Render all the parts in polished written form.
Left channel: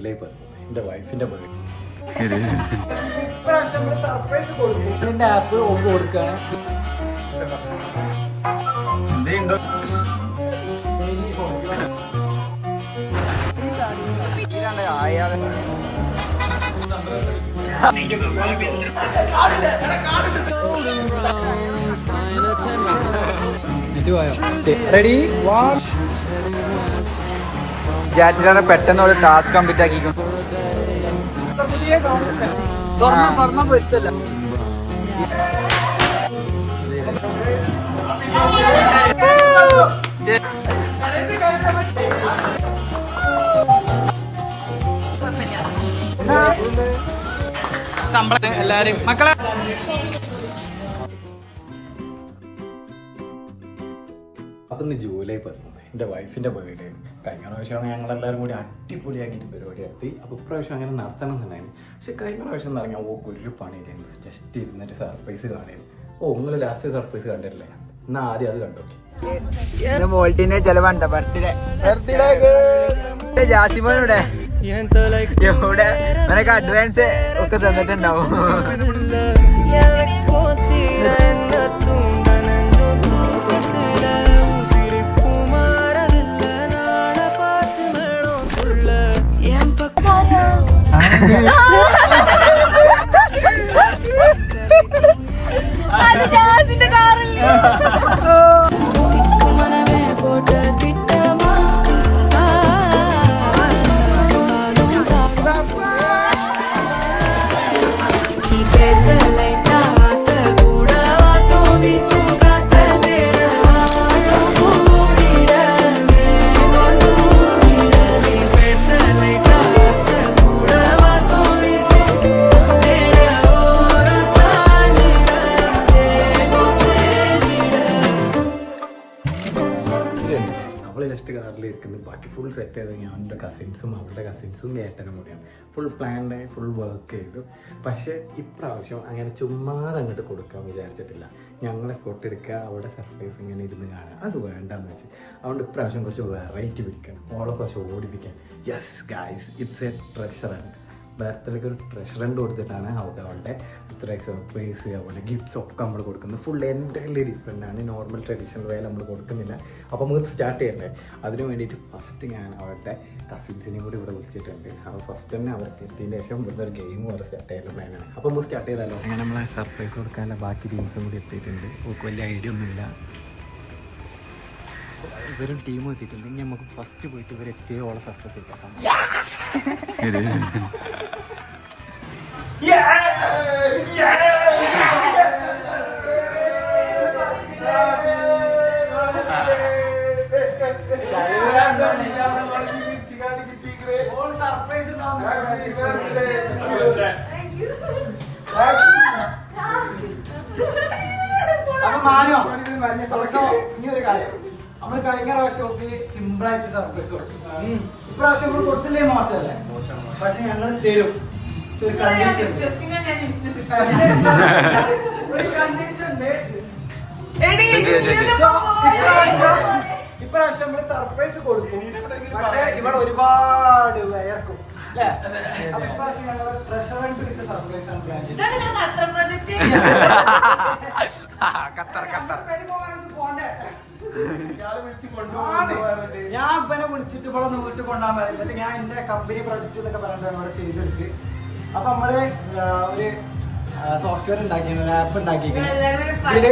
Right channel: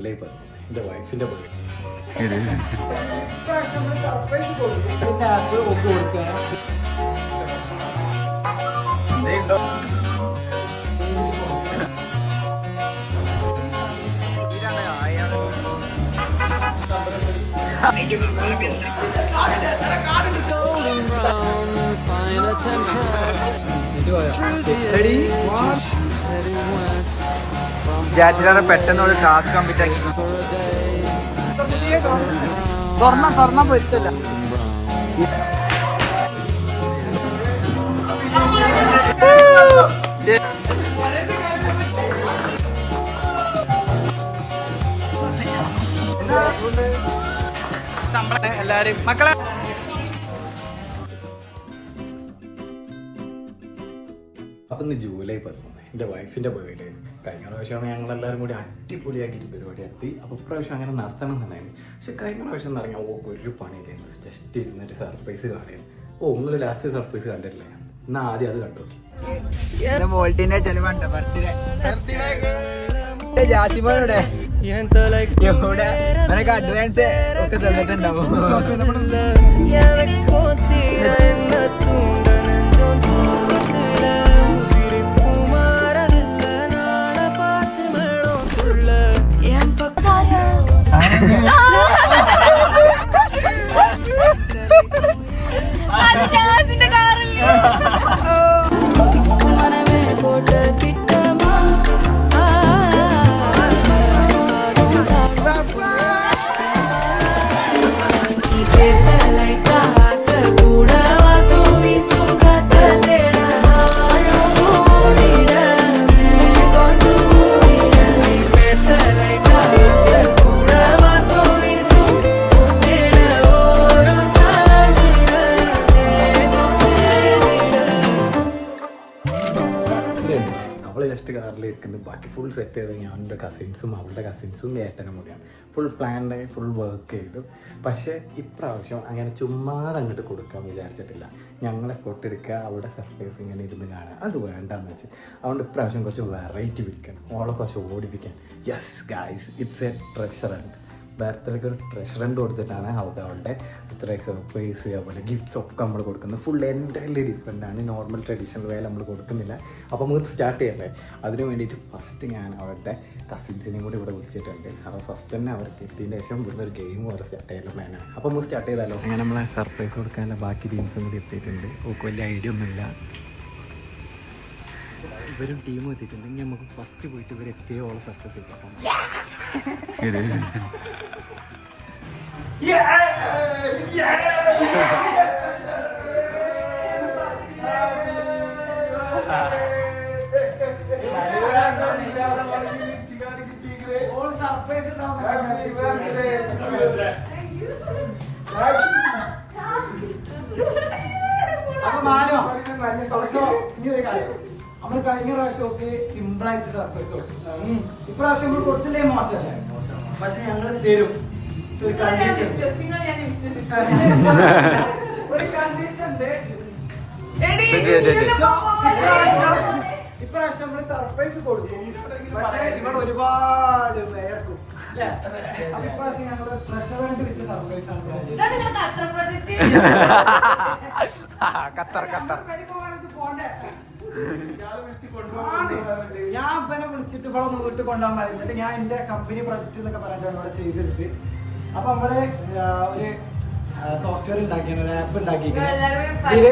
July 10 എൻ്റെ വൈഫിൻ്റെ birthday. App ഒക്കെ കൊടുക്കുകയാണ്. വിചാരിച്ചിട്ടാണ് പെട്ടെന്ന് ഒരു ടാസ്ക് കംപ്ലീറ്റ് ആക്കി. ശമ്പളം എല്ലാരും മക്കളെ. അപ്പം ഇന്ന് ജൂലൈ 10 എൻ്റെ വൈഫിൻ്റെ ബർത്ത്ഡേ ആണ്. കഴിഞ്ഞ പ്രാവശ്യം ഞങ്ങളെല്ലാവരും കൂടി അടിപൊളിയാക്കിയിട്ട് പരിപാടി നടത്തി. അപ്പോൾ ഇപ്രാവശ്യം അങ്ങനെ നടത്തണം എന്നുണ്ടായിരുന്നു. പക്ഷെ കഴിഞ്ഞ പ്രാവശ്യം എന്ന് പറഞ്ഞാൽ ഒരു പണി ചെയ്യുന്നത് ജസ്റ്റ് ഇരുന്നിട്ട് സർപ്രൈസ് കാണുന്നു. നിങ്ങൾ ലാസ്റ്റ് സർപ്രൈസ് കണ്ടിട്ടില്ലേ? എന്നാൽ ആദ്യം അത് കണ്ടു. വോൾട്ടിന്റെ ചെലവുണ്ട് ബർത്ത്ഡേ ജാസിമോനൂടെ നിനക്ക് അഡ്വാൻസ് ഒക്കെ തന്നിട്ടുണ്ടാവും. അവൾ ജസ്റ്റ് കാറിലിരിക്കുന്നത്. ബാക്കി ഫുൾ സെറ്റ് ചെയ്ത് ഞാൻ എൻ്റെ കസിൻസും അവളുടെ കസിൻസും ഏട്ടനും കൂടിയാണ്. ഫുൾ പ്ലാൻഡ് ആയി ഫുൾ വർക്ക് ചെയ്തു. പക്ഷേ ഇപ്രാവശ്യം അങ്ങനെ ചുമ്മാതെ അങ്ങോട്ട് കൊടുക്കാൻ വിചാരിച്ചിട്ടില്ല. ഞങ്ങളെ ഫോട്ടോ എടുക്കുക, അവിടെ സർപ്രൈസ് ഇങ്ങനെ ഇരുന്ന് കാണുക, അത് വേണ്ടാന്ന് വെച്ച്. അതുകൊണ്ട് ഇപ്രാവശ്യം കുറച്ച് വെറൈറ്റി പിടിക്കണം, ഓളെ കുറച്ച് ഓടിപ്പിക്കാൻ. Yes guys, it's a treasure hunt. ബർത്ത്ഡേക്ക് ഒരു ട്രഷർ ഹണ്ട് കൊടുത്തിട്ടാണ് അവളുടെ ഇത്ര സർപ്രൈസ്, അവളുടെ ഗിഫ്റ്റ്സ് ഒക്കെ നമ്മൾ കൊടുക്കുന്നത്. ഫുൾ എൻ്റയർലി ഡിഫറെൻ്റ് ആണ്. നോർമൽ ട്രഡീഷണൽ വേല നമ്മൾ കൊടുക്കുന്നില്ല. അപ്പോൾ നമുക്ക് സ്റ്റാർട്ട് ചെയ്യണ്ടേ? അതിന് വേണ്ടിയിട്ട് ഫസ്റ്റ് ഞാൻ അവരുടെ കസിൻസിനെയും കൂടി ഇവിടെ വിളിച്ചിട്ടുണ്ട്. അപ്പോൾ ഫസ്റ്റ് തന്നെ അവർക്ക് എത്തിയതിന് ശേഷം ഇവിടുന്ന് ഒരു ഗെയിം കൂടെ സ്റ്റാർട്ട് ചെയ്യാനുള്ള പ്ലാനാണ്. അപ്പോൾ നമുക്ക് സ്റ്റാർട്ട് ചെയ്താലോ? അങ്ങനെ നമ്മളെ സർപ്രൈസ് കൊടുക്കാനുള്ള ബാക്കി ടീംസും കൂടി എത്തിയിട്ടുണ്ട്. ഓക്ക് വലിയ ഐഡിയ ഒന്നുമില്ല. ഇവരും ടീം എത്തിയിട്ടുണ്ട്. ഇനി നമുക്ക് ഫസ്റ്റ് പോയിട്ട് ഇവരെത്തിയ ഓളെ സർപ്രൈസ് കൊടുക്കാം. ഈ ഒരു കാര്യം നമ്മള് കഴിഞ്ഞ പ്രാവശ്യം ഒക്കെ സിമ്പിളായിട്ട് സർപ്രൈസ് കൊടുക്കും. ഇപ്രാവശ്യം നമ്മൾ കൊടുത്തില്ലേ മോശമല്ലേ? പക്ഷെ ഞങ്ങൾ തരും. ഇപ്രാവശ്യം നമ്മള് സർപ്രൈസ് കൊടുക്കും. പക്ഷെ ഇവിടെ ഒരുപാട് വയർക്കും അല്ലേ? അപ്പൊ ഇപ്രാവശ്യം ഞങ്ങള് പ്രഷറന്റ് വിത്ത് സർപ്രൈസ് ആണ് പ്ലാൻ ഞാൻ ഇവനെ വിളിച്ചിട്ട് ഇവിടെ ഒന്ന് വീട്ടിൽ കൊണ്ടുപോകാൻ പറയുന്നിട്ട് ഞാൻ എന്റെ കമ്പനി പ്രൊജക്ട് എന്നൊക്കെ പറഞ്ഞിട്ടാണ് ഇവിടെ ചെയ്തെടുത്ത്. അപ്പൊ നമ്മള് ഒരു സോഫ്റ്റ്വെയർ ഉണ്ടാക്കിയാണ്, ഒരു ആപ്പ് ഉണ്ടാക്കിയിരിക്കുന്നത്. ഇതില്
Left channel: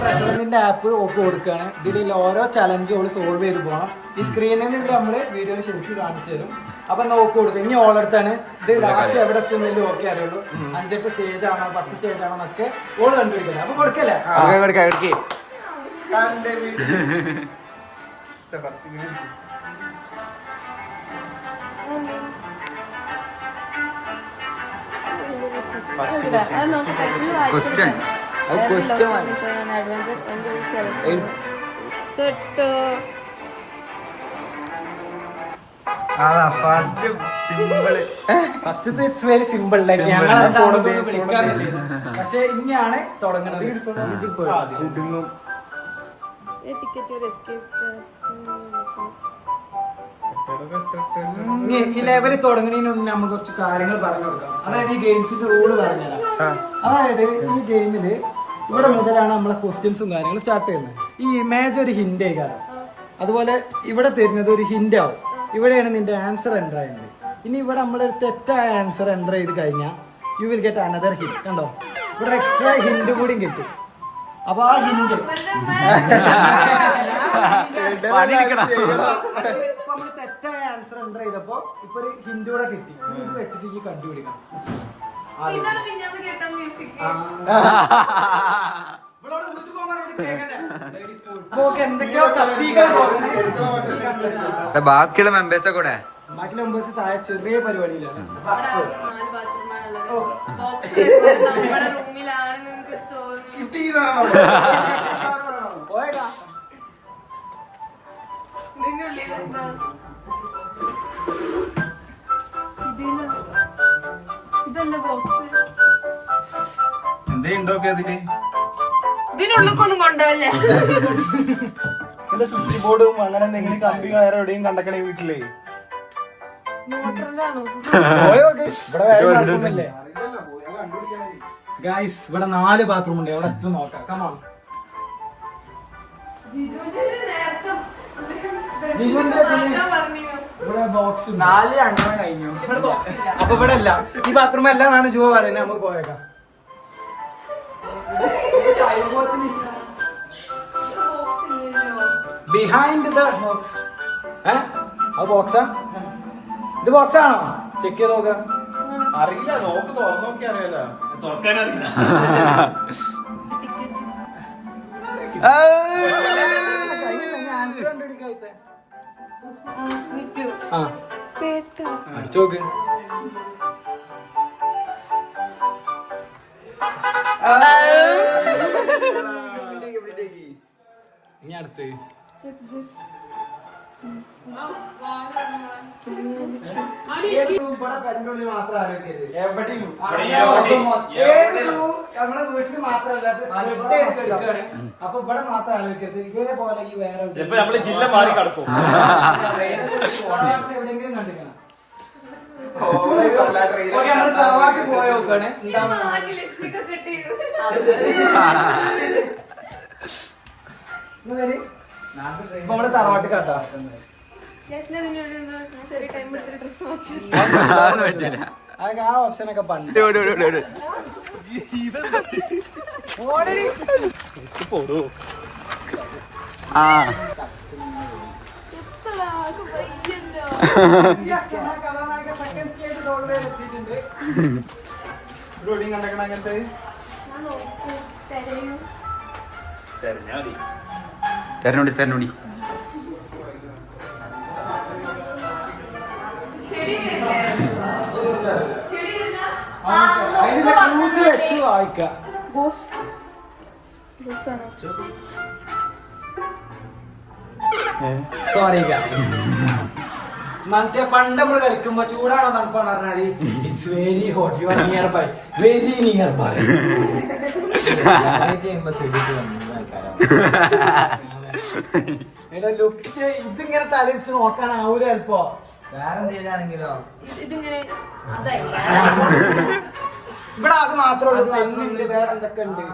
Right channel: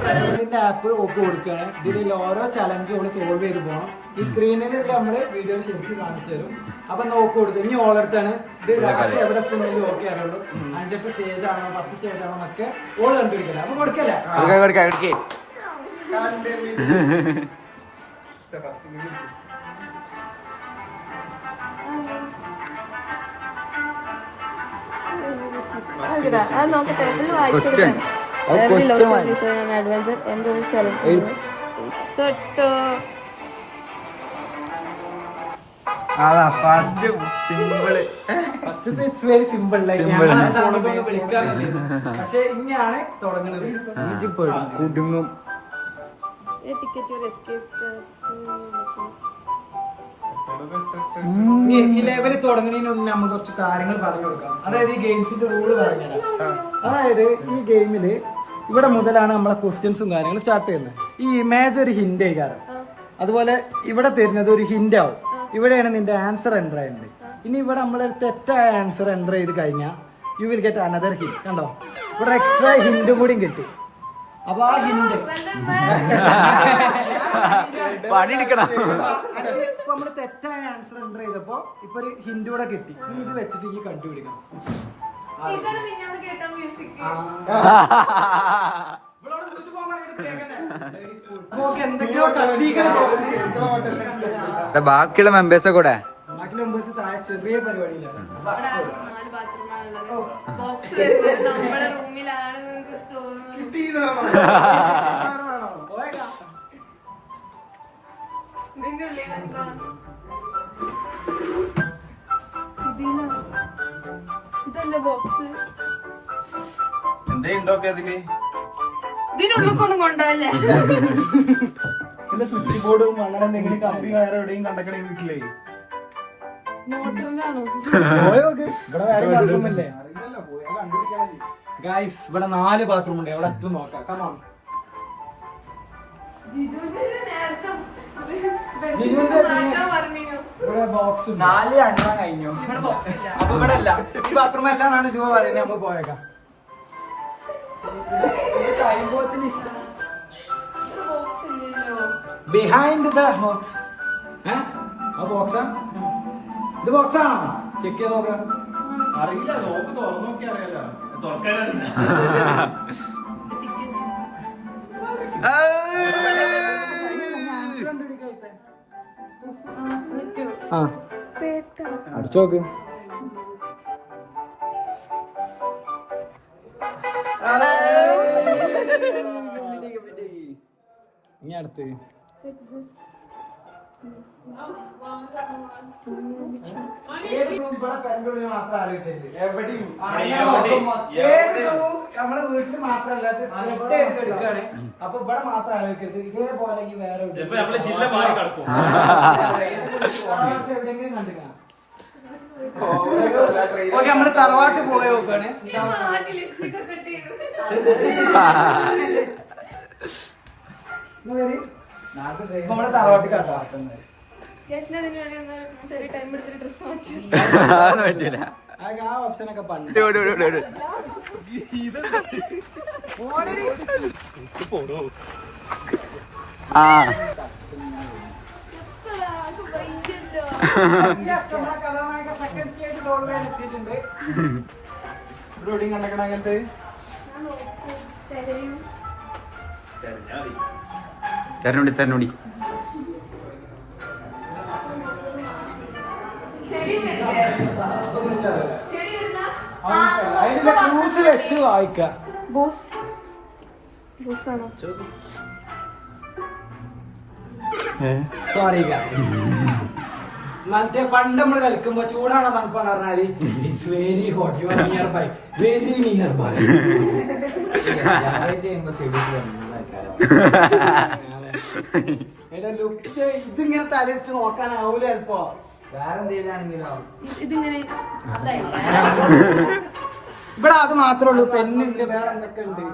പ്രഷറിന്റെ ആപ്പ് ഒക്കെ കൊടുക്കുകയാണ്. ഇതിൽ ഓരോ ചലഞ്ചും ഓള് സോൾവ് ചെയ്ത് പോകണം. ഈ സ്ക്രീനിൽ നമ്മള് വീഡിയോ ശരിക്കും കാണിച്ചു തരും. അപ്പൊ നോക്കി കൊടുക്കും. ഇനി ഓളടുത്താണ് ഇത് ലാസ്റ്റ് എവിടെ എത്തുന്നതിലും ഓക്കെ അറിയുള്ളൂ. 5-8 സ്റ്റേജ് ആണോ 10 സ്റ്റേജ് ആണോ എന്നൊക്കെ ഓള് കണ്ടുപിടിക്കണം. അപ്പൊ കൊടുക്കല്ലേ? പക്ഷെ ഇനിയാണ് തുടങ്ങുന്നത്. ഇനി ഈ ലെവൽ തുടങ്ങുന്നതിന് മുന്നേ നമുക്ക് കുറച്ച് കാര്യങ്ങൾ പറഞ്ഞു കൊടുക്കാം. അതായത് ഈ ഗെയിംസിന്റെ റൂള് പറഞ്ഞുതരാം. അതായത് ഈ ഗെയിമില് ഇവിടെ മുതലാണ് നമ്മളെ ക്വസ്റ്റ്യൻസും കാര്യങ്ങളും സ്റ്റാർട്ട് ചെയ്യുന്നത്. ഈ ഇമേജ് ഒരു ഹിന്റ് ആയിക്കാരം. അതുപോലെ ഇവിടെ തരുന്നത് ഒരു ഹിന്റ് ആവും. ഇവിടെയാണ് നിന്റെ ആൻസർ എൻ്റർ ചെയ്യുന്നത്. ഇനി ഇവിടെ നമ്മളൊരു തെറ്റായ ആൻസർ എൻ്റർ ചെയ്ത് കഴിഞ്ഞാൽ you will get another hint. കണ്ടോ, ഇവിടെ എക്സ്ട്രാ ഹിന്റ് കൂടിയും കിട്ടും. അപ്പൊ ആ ഹിന്റ് പണിയെടുക്കണം. നമ്മള് തെറ്റായ ആൻസർ എൻ്റർ ചെയ്തപ്പോ ഇപ്പൊ ഒരു ഹിന്റ് കൂടെ കിട്ടി. ഇനി ഇത് വെച്ചിട്ട് ഈ കണ്ടുപിടിക്കണം. ബാക്കിയുള്ള മെമ്പേഴ്സ് കൂടെ ബാക്കിയുള്ള മെമ്പേഴ്സ് താഴെ ചെറിയ പരിപാടിയിലാണ്. നമ്മുടെ റൂമിലാണ് നിങ്ങൾക്ക് തോന്നുന്നു. ഇതിന്റെ ഉള്ളിൽ എന്താ ഇതല്ലേ ബോക്സ്? ഇതിനുള്ളിക്കൊന്നും കൊണ്ടല്ലേ? സ്വിച്ച് ബോർഡും അങ്ങനെ എന്തെങ്കിലും കമ്പി വേറെ എവിടെയും കണ്ടക്കണേ വീട്ടിലേ. മോട്ടറിന്റെ ആണോ? ഗൈസ് ഇവിടെ 4 ബാത്റൂം ഉണ്ട്. എവിടെ എത്തും നോക്കാം. കമോൺ. ഇവിടെ ബോക്സ് 4 എണ്ണം കഴിഞ്ഞു. അപ്പൊ ഇവിടെ അല്ല, ഈ ബാത്റൂം അല്ല എന്നാണ് ജുവ പറയുന്നത്. നമുക്ക് പോയേക്കാം. Behind the box. അത് ബോക്സാ? ഇത് ബോക്സ് ആണോ? ചെക്ക് ചെയ്ത് നോക്കാം. അറിയില്ല, നോക്ക് തുറന്നോക്കി അറിയാലോ. അടിച്ചു നോക്ക്. ഇനി അടുത്ത് മാത്രം ആലോചിക്കരുത്. എവിടെയും നമ്മളെ വീട്ടിൽ മാത്രമല്ല എടുക്കാണ്. അപ്പൊ ഇവിടെ മാത്രം ആലോചിക്കരുത്. ഇതേപോലെ ഈ വേറെ എവിടെയെങ്കിലും കണ്ടിരിക്കണം. ഓക്കെ, നമ്മള് തറവാട്ട് പോയി നോക്കാണ്. ഇപ്പൊ നമ്മള് തറവാട്ട് കാട്ടാ. ചെറിയ ടൈം എടുത്തിട്ട് ഡ്രസ് പറ്റില്ല. അതൊക്കെ ആ ഓപ്ഷനൊക്കെ പണ്ട്. ആ തെരഞ്ഞോടി തെരഞ്ഞോടി. സോറി, മറ്റേ പണ്ട് നമ്മള് കളിക്കുമ്പോ ചൂടാണോ തണുപ്പാണ് പറഞ്ഞാല് it's very hot, you are nearby, very nearby. ഇതിങ്ങനെ തലരിച്ച് നോക്കാനാവൂല ചിലപ്പോ. വേറെ എന്തെങ്കിലാണെങ്കിലോ ഇതിങ്ങനെ ഇവിടെ അത് മാത്രമേ ഉള്ളൂ. പെണ്ണുണ്ട്, വേറെ എന്തൊക്കെ ഉണ്ട്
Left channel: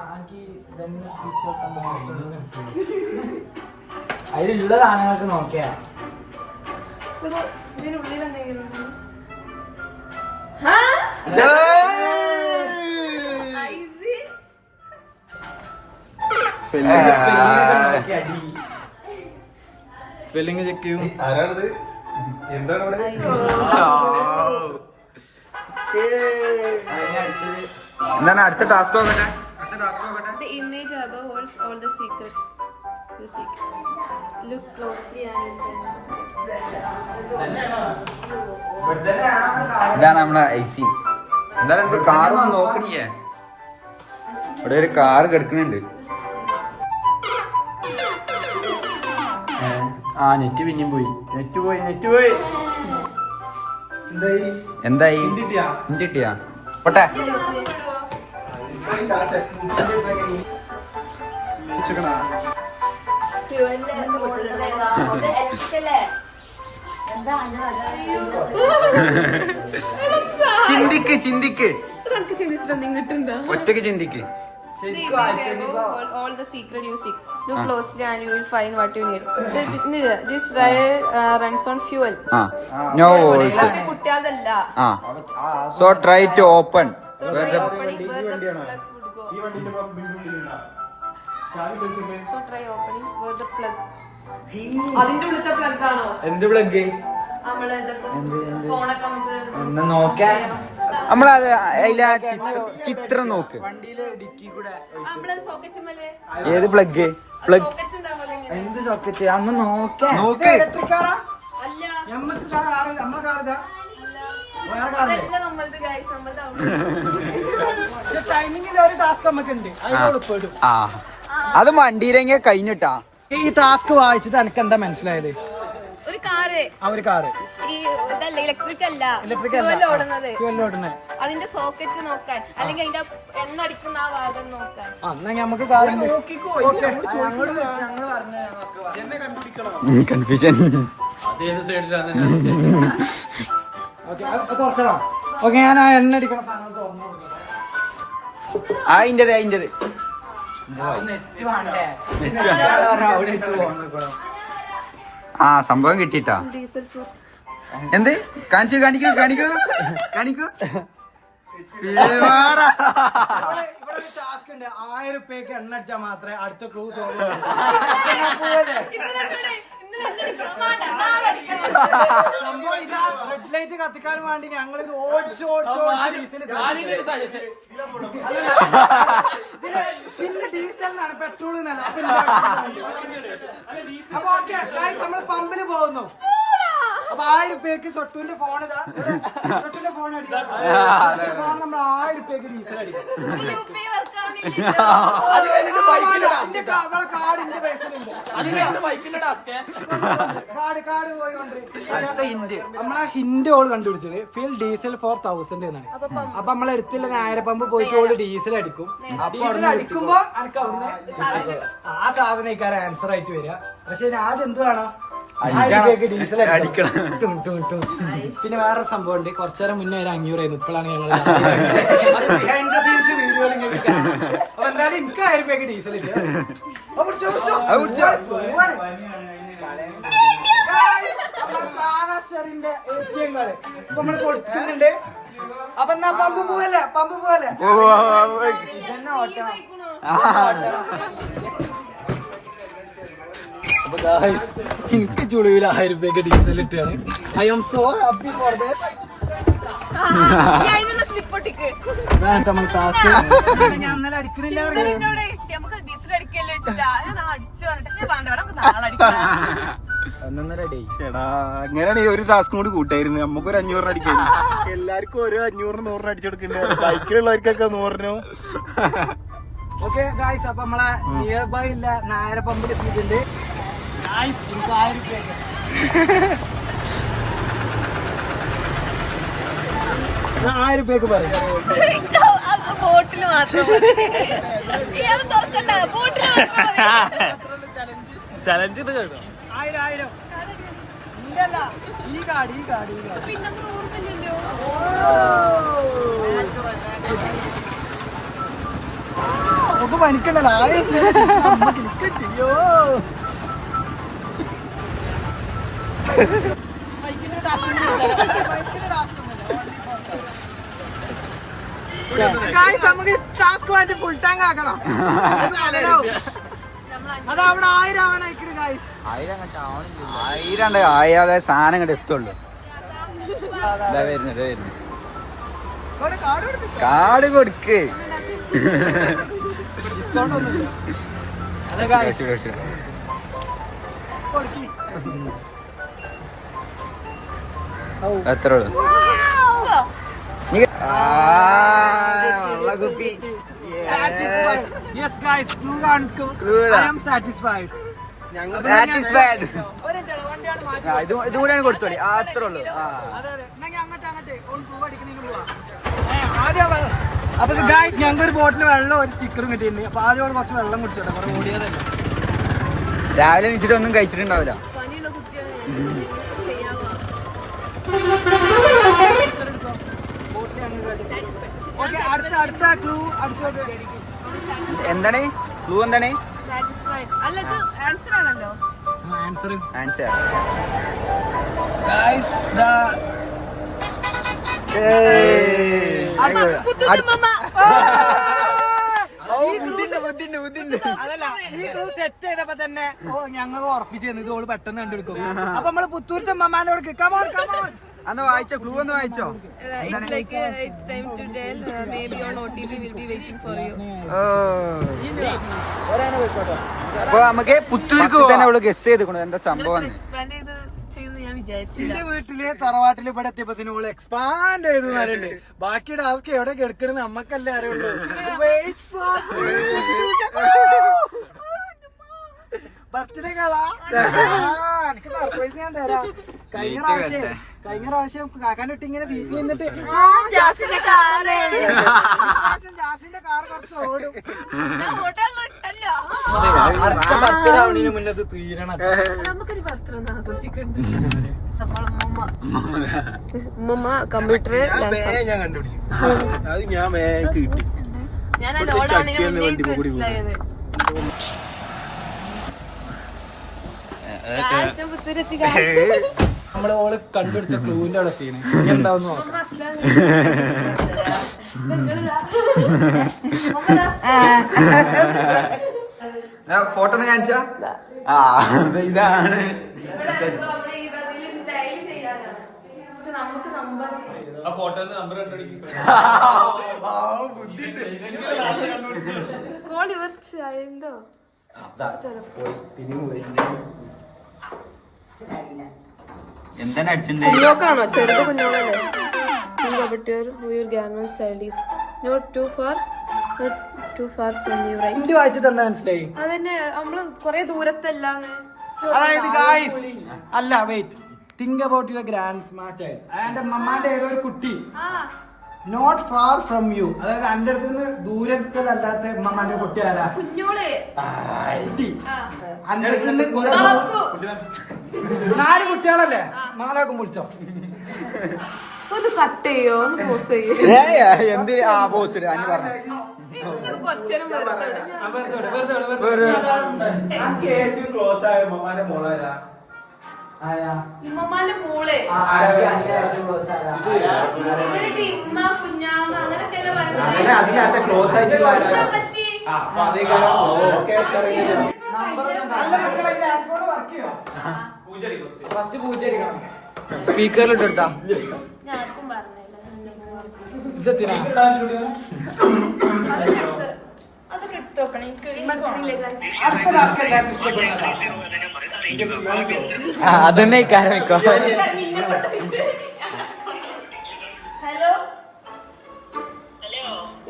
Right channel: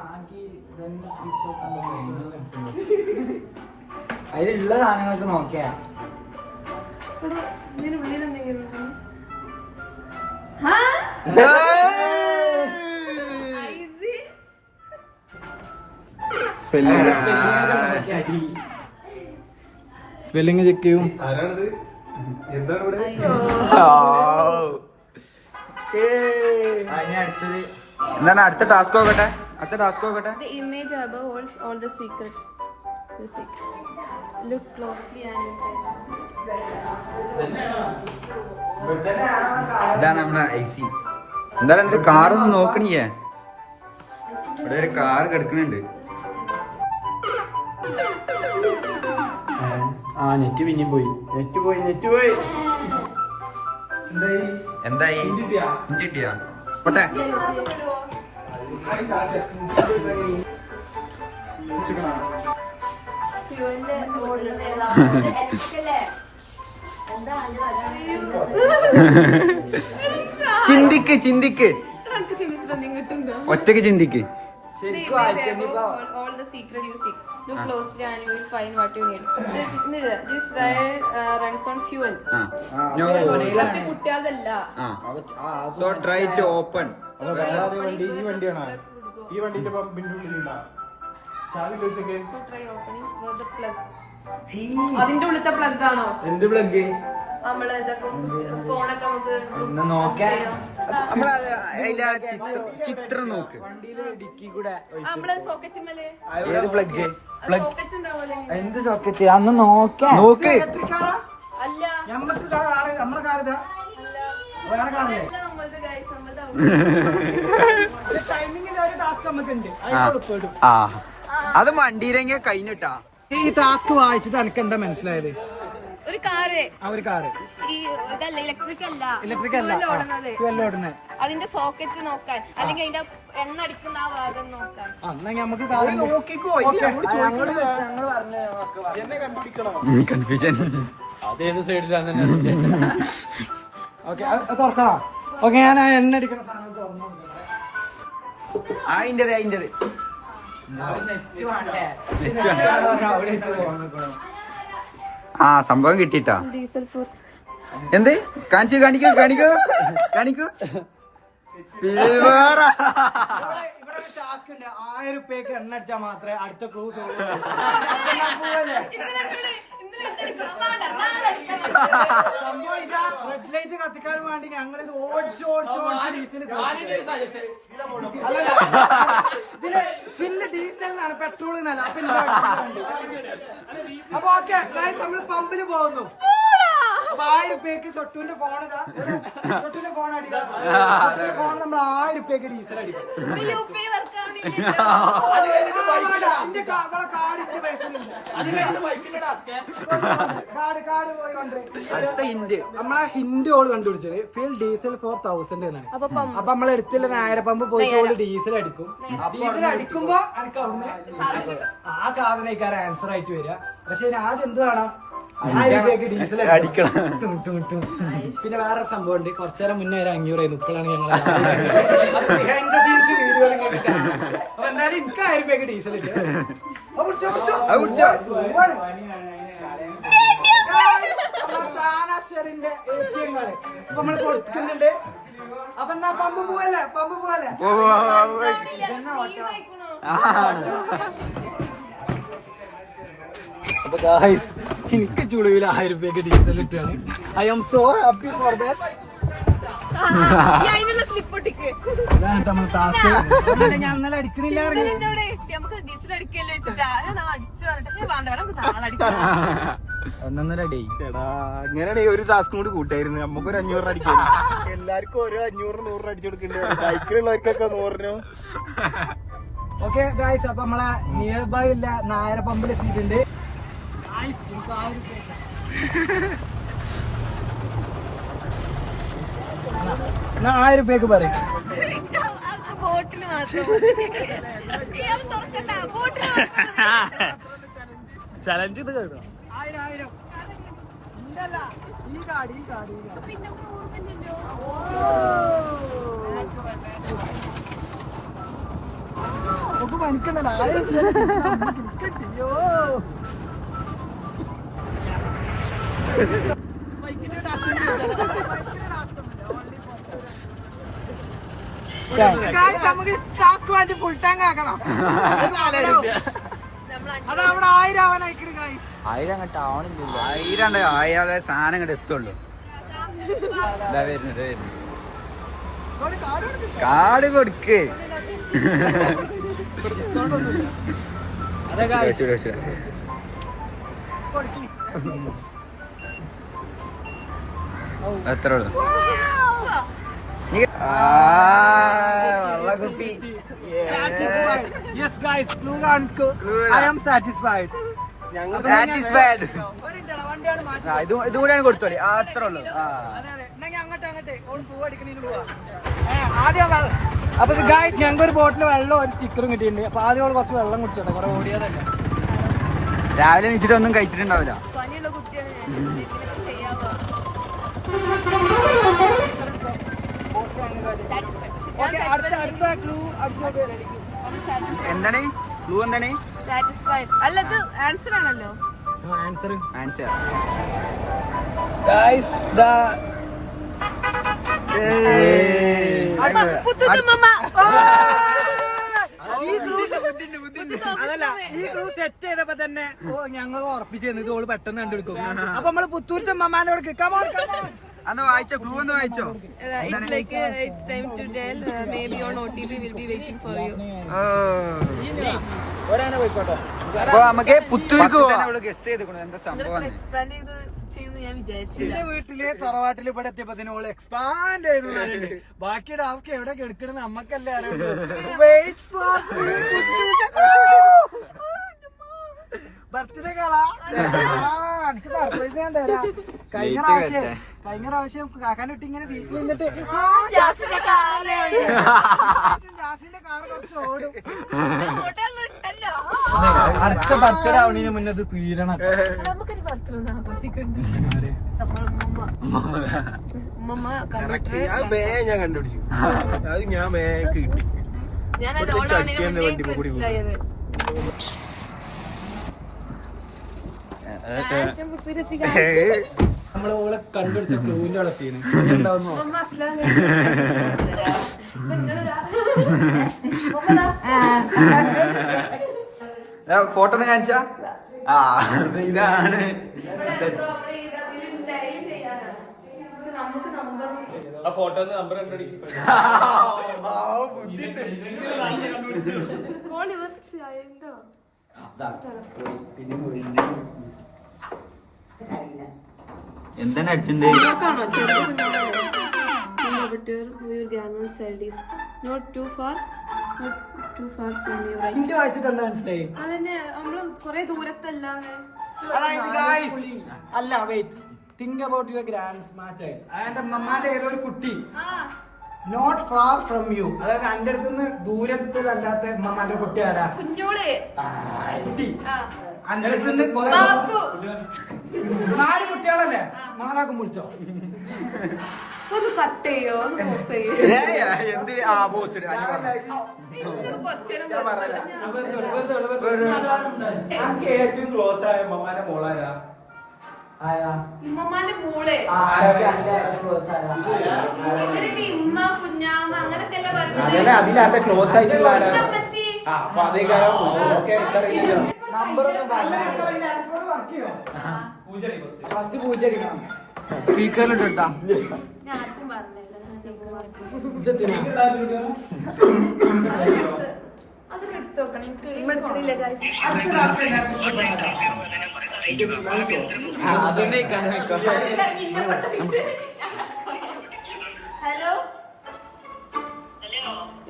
അതിലുള്ള സാധനങ്ങളൊക്കെ നോക്കിയാ. ഇതിനുള്ളിൽ എന്തെങ്കിലും ഉണ്ടോ? സ്പെല്ലിങ് തെറ്റും. എന്താണ് അടുത്ത ടാസ്ക് നോക്കട്ടെ? അടുത്ത ടാസ്ക് നോക്കട്ടെ. The image above holds all the secret. You see. Look closely and ഇതാണ് നമ്മളെ ഐസി. എന്തായാലും കാർ നോക്കണിയേ. ഇവിടെ ഒരു കാർ കിടക്കുന്നുണ്ട്. ആ നെറ്റ് പിന്നെയും പോയി. നെറ്റ് പോയി. എന്തായി? കിട്ടിയാ പോട്ടെ. ചിന്തിക്ക് ചിന്തിക്ക് എനിക്ക് ചിന്തിച്ചിട്ടൊന്നും കിട്ടുന്നുണ്ടോ? ഒറ്റക്ക് ചിന്തിക്ക്. All the secret you seek. Look closely and you will find what you need. This ride runs on fuel. No words. ഇത് കുട്ടിയാതല്ല. So try to open. So try opening where the plug would go. So try opening where the plug. അതിന്റെ ഉള്ളിലത്തെ plug ആണോ? എന്ത് plug? നമ്മള് ഇതൊക്കെ ഫോണൊക്കെ നമുക്ക് നമ്മളത് അതിലെ ചിത്രം നോക്ക്. നമ്മള് സോക്കറ്റ് മേലെ ഏത് പ്ലഗ്? പ്ലഗ് സോക്കറ്റ് ഉണ്ടാവുമല്ലോ ഇങ്ങനെ. എന്ത് സോക്കറ്റ്? അന്ന് നോക്കാം. നോക്ക്. ഇലക്ട്രിക്കാരാ? അല്ല നമ്മക്ക് കാറ്, നമ്മളെ കാറിതാ. അല്ല വേറെ കാറില്ലേ? അതല്ല നമ്മളത് ഗൈസ്, നമ്മളത് അവിടെ. ടൈമിങ്ങിൽ ഒരു ടാസ്ക് നമുക്കുണ്ട്. അതിനോട് പെടും. അത് വണ്ടിയിലെങ്കിൽ കഴിഞ്ഞിട്ടാ. ഈ ടാസ്ക് വായിച്ചിട്ട് എനിക്ക് എന്താ മനസ്സിലായത്? ഒരു കാറ്, ഒരു കാറ് ഈ ഇതല്ല ഇലക്ട്രിക് അല്ല, ഇലക്ട്രിക് അല്ല, fuel ഓടുന്നത്. ഫ്യൂവൽ ഓടുന്നത്. അതിന്റെ സോക്കറ്റ് നോക്കാൻ അല്ലെങ്കിൽ അതിന്റെ എണ്ണ അടിക്കുന്ന ആ ഭാഗം നോക്കാൻ. എന്നാ നമുക്ക് കാറ് കൺഫ്യൂഷൻ. തുറക്കണം. ഓക്കെ, ഞാൻ ആ എണ്ണ അടിക്കണ സാധനം തുറന്നു കൊടുക്കണം. അതിൻ്റെത് സംഭവം കിട്ടിട്ടാ. ഡീസൽ ഫ്ലോർ എന്ത് കാണിക്കൂ കാണിക്കൂ കാണിക്കൂ കാണിക്കൂ. ഇവിടെ ഒരു ടാസ്ക് ഉണ്ട്. 1000 രൂപയ്ക്ക് എണ്ണ അടിച്ചാൽ മാത്രമേ അടുത്ത ക്ലൂ സോൾവ് സംഭവം ഇതാ. റെഡ് ലൈറ്റ് കത്തിക്കാൻ വേണ്ടി ഞങ്ങൾ ഇത് ഓടിച്ച് ഡീസൽ പിന്നെ ഡീസലിനാണ്, പെട്രോളിനല്ല. അപ്പൊ ഓക്കെ, നമ്മൾ പമ്പില് പോകുന്നു. അപ്പൊ 1000 രൂപയ്ക്ക് സൊട്ടുവിന്റെ ഫോൺ സൊട്ടുവിന്റെ ഫോൺ അടിക്കാം. നമ്മൾ 1000 രൂപയ്ക്ക് ഡീസൽ അടിക്കും. കാർഡിന്റെ പൈസ കാർഡ് പോയിക്കൊണ്ട് നമ്മളാ ഹിന്റ് ഓള് കണ്ടുപിടിച്ചത് ഫിൽ ഡീസൽ 4000 എന്നാണ്. അപ്പൊ നമ്മൾ എടുത്തില്ല 1000 പമ്പ് പോയിട്ട് ഓള് ഡീസൽ അടിക്കും. ഡീസൽ അടിക്കുമ്പോ എനിക്ക് അവിടുന്ന് ആ സാധനം ആൻസർ ആയിട്ട് വരിക. പക്ഷെ ആദ്യം എന്ത് വേണം? 1000 രൂപയ്ക്ക് ഡീസൽ അടിക്കണം. പിന്നെ വേറെ സംഭവം ഉണ്ട്. കുറച്ചേരം മുന്നേ ഒരു 500 ആയിരുന്നു. ഇപ്പോഴാണ് ഞങ്ങൾ വീഡിയോ. അപ്പൊ എന്തായാലും എനിക്ക് 1000 രൂപയ്ക്ക് ഡീസൽ ഇട്ട് ഷാനാഷറിന്റെ ATM കാർഡ് ഇപ്പൊ നമ്മള് കൊടുക്കുന്നുണ്ട്. അപ്പൊ എന്നാ പമ്പ് പോവല്ലേ? എനിക്ക് ചുളിവിൽ 1000 രൂപയ്ക്ക് ഡീസൽ ഇട്ടാണ്. I M so happy for that. നമ്മൾ ടാസ്ക് ഞാൻ ഇന്നലെ അടിക്കണില്ല പറഞ്ഞു. അങ്ങനെയാണെങ്കിൽ ഒരു ടാസ്കും കൂടി കൂട്ടായിരുന്നു. നമുക്കൊരു 500 അടിക്കാം. എല്ലാവർക്കും ഓരോ 500 100 അടിച്ചെടുക്കുന്നുണ്ട്. ബൈക്കിലുള്ളവർക്കൊക്കെ 100. ഓക്കെ ഗായ്സ്, അപ്പൊ നമ്മളെ നിയർ ബൈ ഉള്ള 1000 പമ്പിൽ എത്തിയിട്ടുണ്ട്. 1000 രൂപയ്ക്ക് 1000 രൂപയ്ക്ക് പറയും. ബോട്ടിൽ മാത്രം ചലഞ്ച് ഇത് കേട്ടോ. 1000 ഇല്ലല്ല, ഈ കാർഡ് ഒക്കെ പനിക്കണ്ടല്ലോ. 1000 കിട്ടിയോ? നമുക്ക് ടാസ്ക് വേണ്ടി ഫുൾ ടാങ്ക് ആക്കണം. അത് അവിടെ 1000 ആവാനായിക്കണ് ഗായ്സ്. 1000 ആയാലേ സാധനം ഇങ്ങോട്ട് എത്തുള്ളൂ. ഇതാ വരുന്നത് കാർഡ് കൊടുക്ക്. എത്ര വെള്ളക്കുപ്പി. Yes guys, clue കാണിക്കൂ. I am satisfied. ഇതും കൂടെയാണ് കൊടുത്തോളി. അത്രേ ഉള്ളൂ. അപ്പൊ ഗായ്സ്, ഞങ്ങൾക്ക് ഒരു ബോട്ടിൽ വെള്ളം ഒരു സ്റ്റിക്കറും കിട്ടിയിട്ടുണ്ട്. അപ്പൊ ആദ്യം കുറച്ച് വെള്ളം കുടിച്ചോട്ടെ, കുറെ ഓടിയതല്ലേ. രാവിലെ എണീച്ചിട്ട് ഒന്നും കഴിച്ചിട്ടുണ്ടാവില്ല. പനിയുള്ള കുട്ടിയാണ് ഞാൻ. ചെയ്യാവോ? ഓക്കെ അടുത്ത ക്ലൂ അടിച്ചോട്ടെ. എന്താണ് ക്ലൂ? എന്താണ് അല്ല ഇത് ആൻസർ ആണല്ലോ. Answer answer? ഗൈസ് അതല്ല, ഈ ക്ലൂ സെറ്റ് ചെയ്തപ്പോ തന്നെ ഞങ്ങൾ ഉറപ്പിച്ചിരുന്നു ഇത് ഓള് പെട്ടെന്ന് കണ്ടുപിടിക്കും. അപ്പൊ നമ്മള് പുത്തൂരത്തെ മമ്മാനോട് കമോൺ കമോൺ അന്ന് വായിച്ചോ, ക്ലൂ ഒന്ന് വായിച്ചോ. It's like it's time to tell. Maybe on OTP will be waiting for you. അപ്പൊ നമുക്ക് പുത്തൂർക്ക് തന്നെ അവള് ഗസ് ചെയ്തിക്കണു എന്താ സംഭവം. Expand ചെയ്ത് ചെയ്യുമെന്ന് ഞാൻ വിചാരിച്ചു. എന്റെ വീട്ടില് തറവാട്ടില് ഇവിടെ എത്തിയപ്പോ ഓള് എക്സ്പാൻഡ് ചെയ്തു പറയുന്നുണ്ട്. ബാക്കി ടാസ്ക് എവിടെ കിടക്കണെന്ന് നമ്മക്കല്ലേ അറിയുള്ളൂ. ബർത്ത്ഡേ കളാ എനിക്ക് സർപ്രൈസ് തരാം. കഴിഞ്ഞ പ്രാവശ്യം കാക്കാൻ്റെ കുട്ടി ഇങ്ങനെ വീട്ടിൽ നിന്നിട്ട് ജാസിന്റെ കാറ് കുറച്ച് ഓടും. അടുത്ത ബർത്ത്ഡേ ആവണതിന് മുന്നേ അത് തീരണം. നമുക്കൊരു ബർത്ത്ഡേ ഒന്ന് ആഘോഷിക്കണ്ട. ഉമ്മ കമ്പ്യൂട്ടർ ഞാൻ കണ്ടുപിടിച്ചു. അത് ഞാൻ കിട്ടി. ഞാൻ ഓടാണ് നമ്മളെ ഓളെ കണ്ടുപിടിച്ച ക്ലൂവിന്റെ അവിടെ എത്തിയാണ്. ഫോട്ടോ ഒന്ന് കാണിച്ചാ? ആ ഇതാണ്. എന്താണ് അടിച്ചിട്ടുണ്ട്? കുഞ്ഞോക്കാണോ? ചെറുത് കുഞ്ഞോക്കാണോ? Not too far from you, right? ഇഞ്ചി വായിച്ചിട്ട് എന്താ മനസ്സിലായി? അതന്നെ നമ്മള് കൊറേ ദൂരത്തല്ല. അതായത് guys, അല്ല wait, think about your grandchild. അതായത് മമ്മാന്റെ ഏതോ ഒരു കുട്ടി നോട്ട് ഫാർ ഫ്രം യു, അതായത് എന്റെ അടുത്ത് നിന്ന് ദൂരത്തല്ലാത്ത മമ്മാന്റെ കുട്ടി ആരാ? കുഞ്ഞോളെ കുട്ടി എന്റെ അടുത്ത് നിന്ന് 4 കുട്ടികളല്ലേ? 4 വിളിച്ചോ? ഒന്ന് കട്ട് ചെയ്യോ, ഒന്ന് പോസ് ചെയ്യോ. എന്ത് ആ പോസ്റ്റ് അനി പറഞ്ഞു. കുറച്ചേരം ഇമ്മമാന്റെ മോളെ ഇവരൊക്കെ ഇമ്മ കുഞ്ഞാമ്മ അങ്ങനൊക്കെ അല്ലേ പറയുന്നത്. സ്പീക്കറിലിട്ടെടുത്താ ഞാനും പറഞ്ഞില്ല. അതൊക്കെ എടുത്തു നോക്കണം. അതന്നെ ഹലോ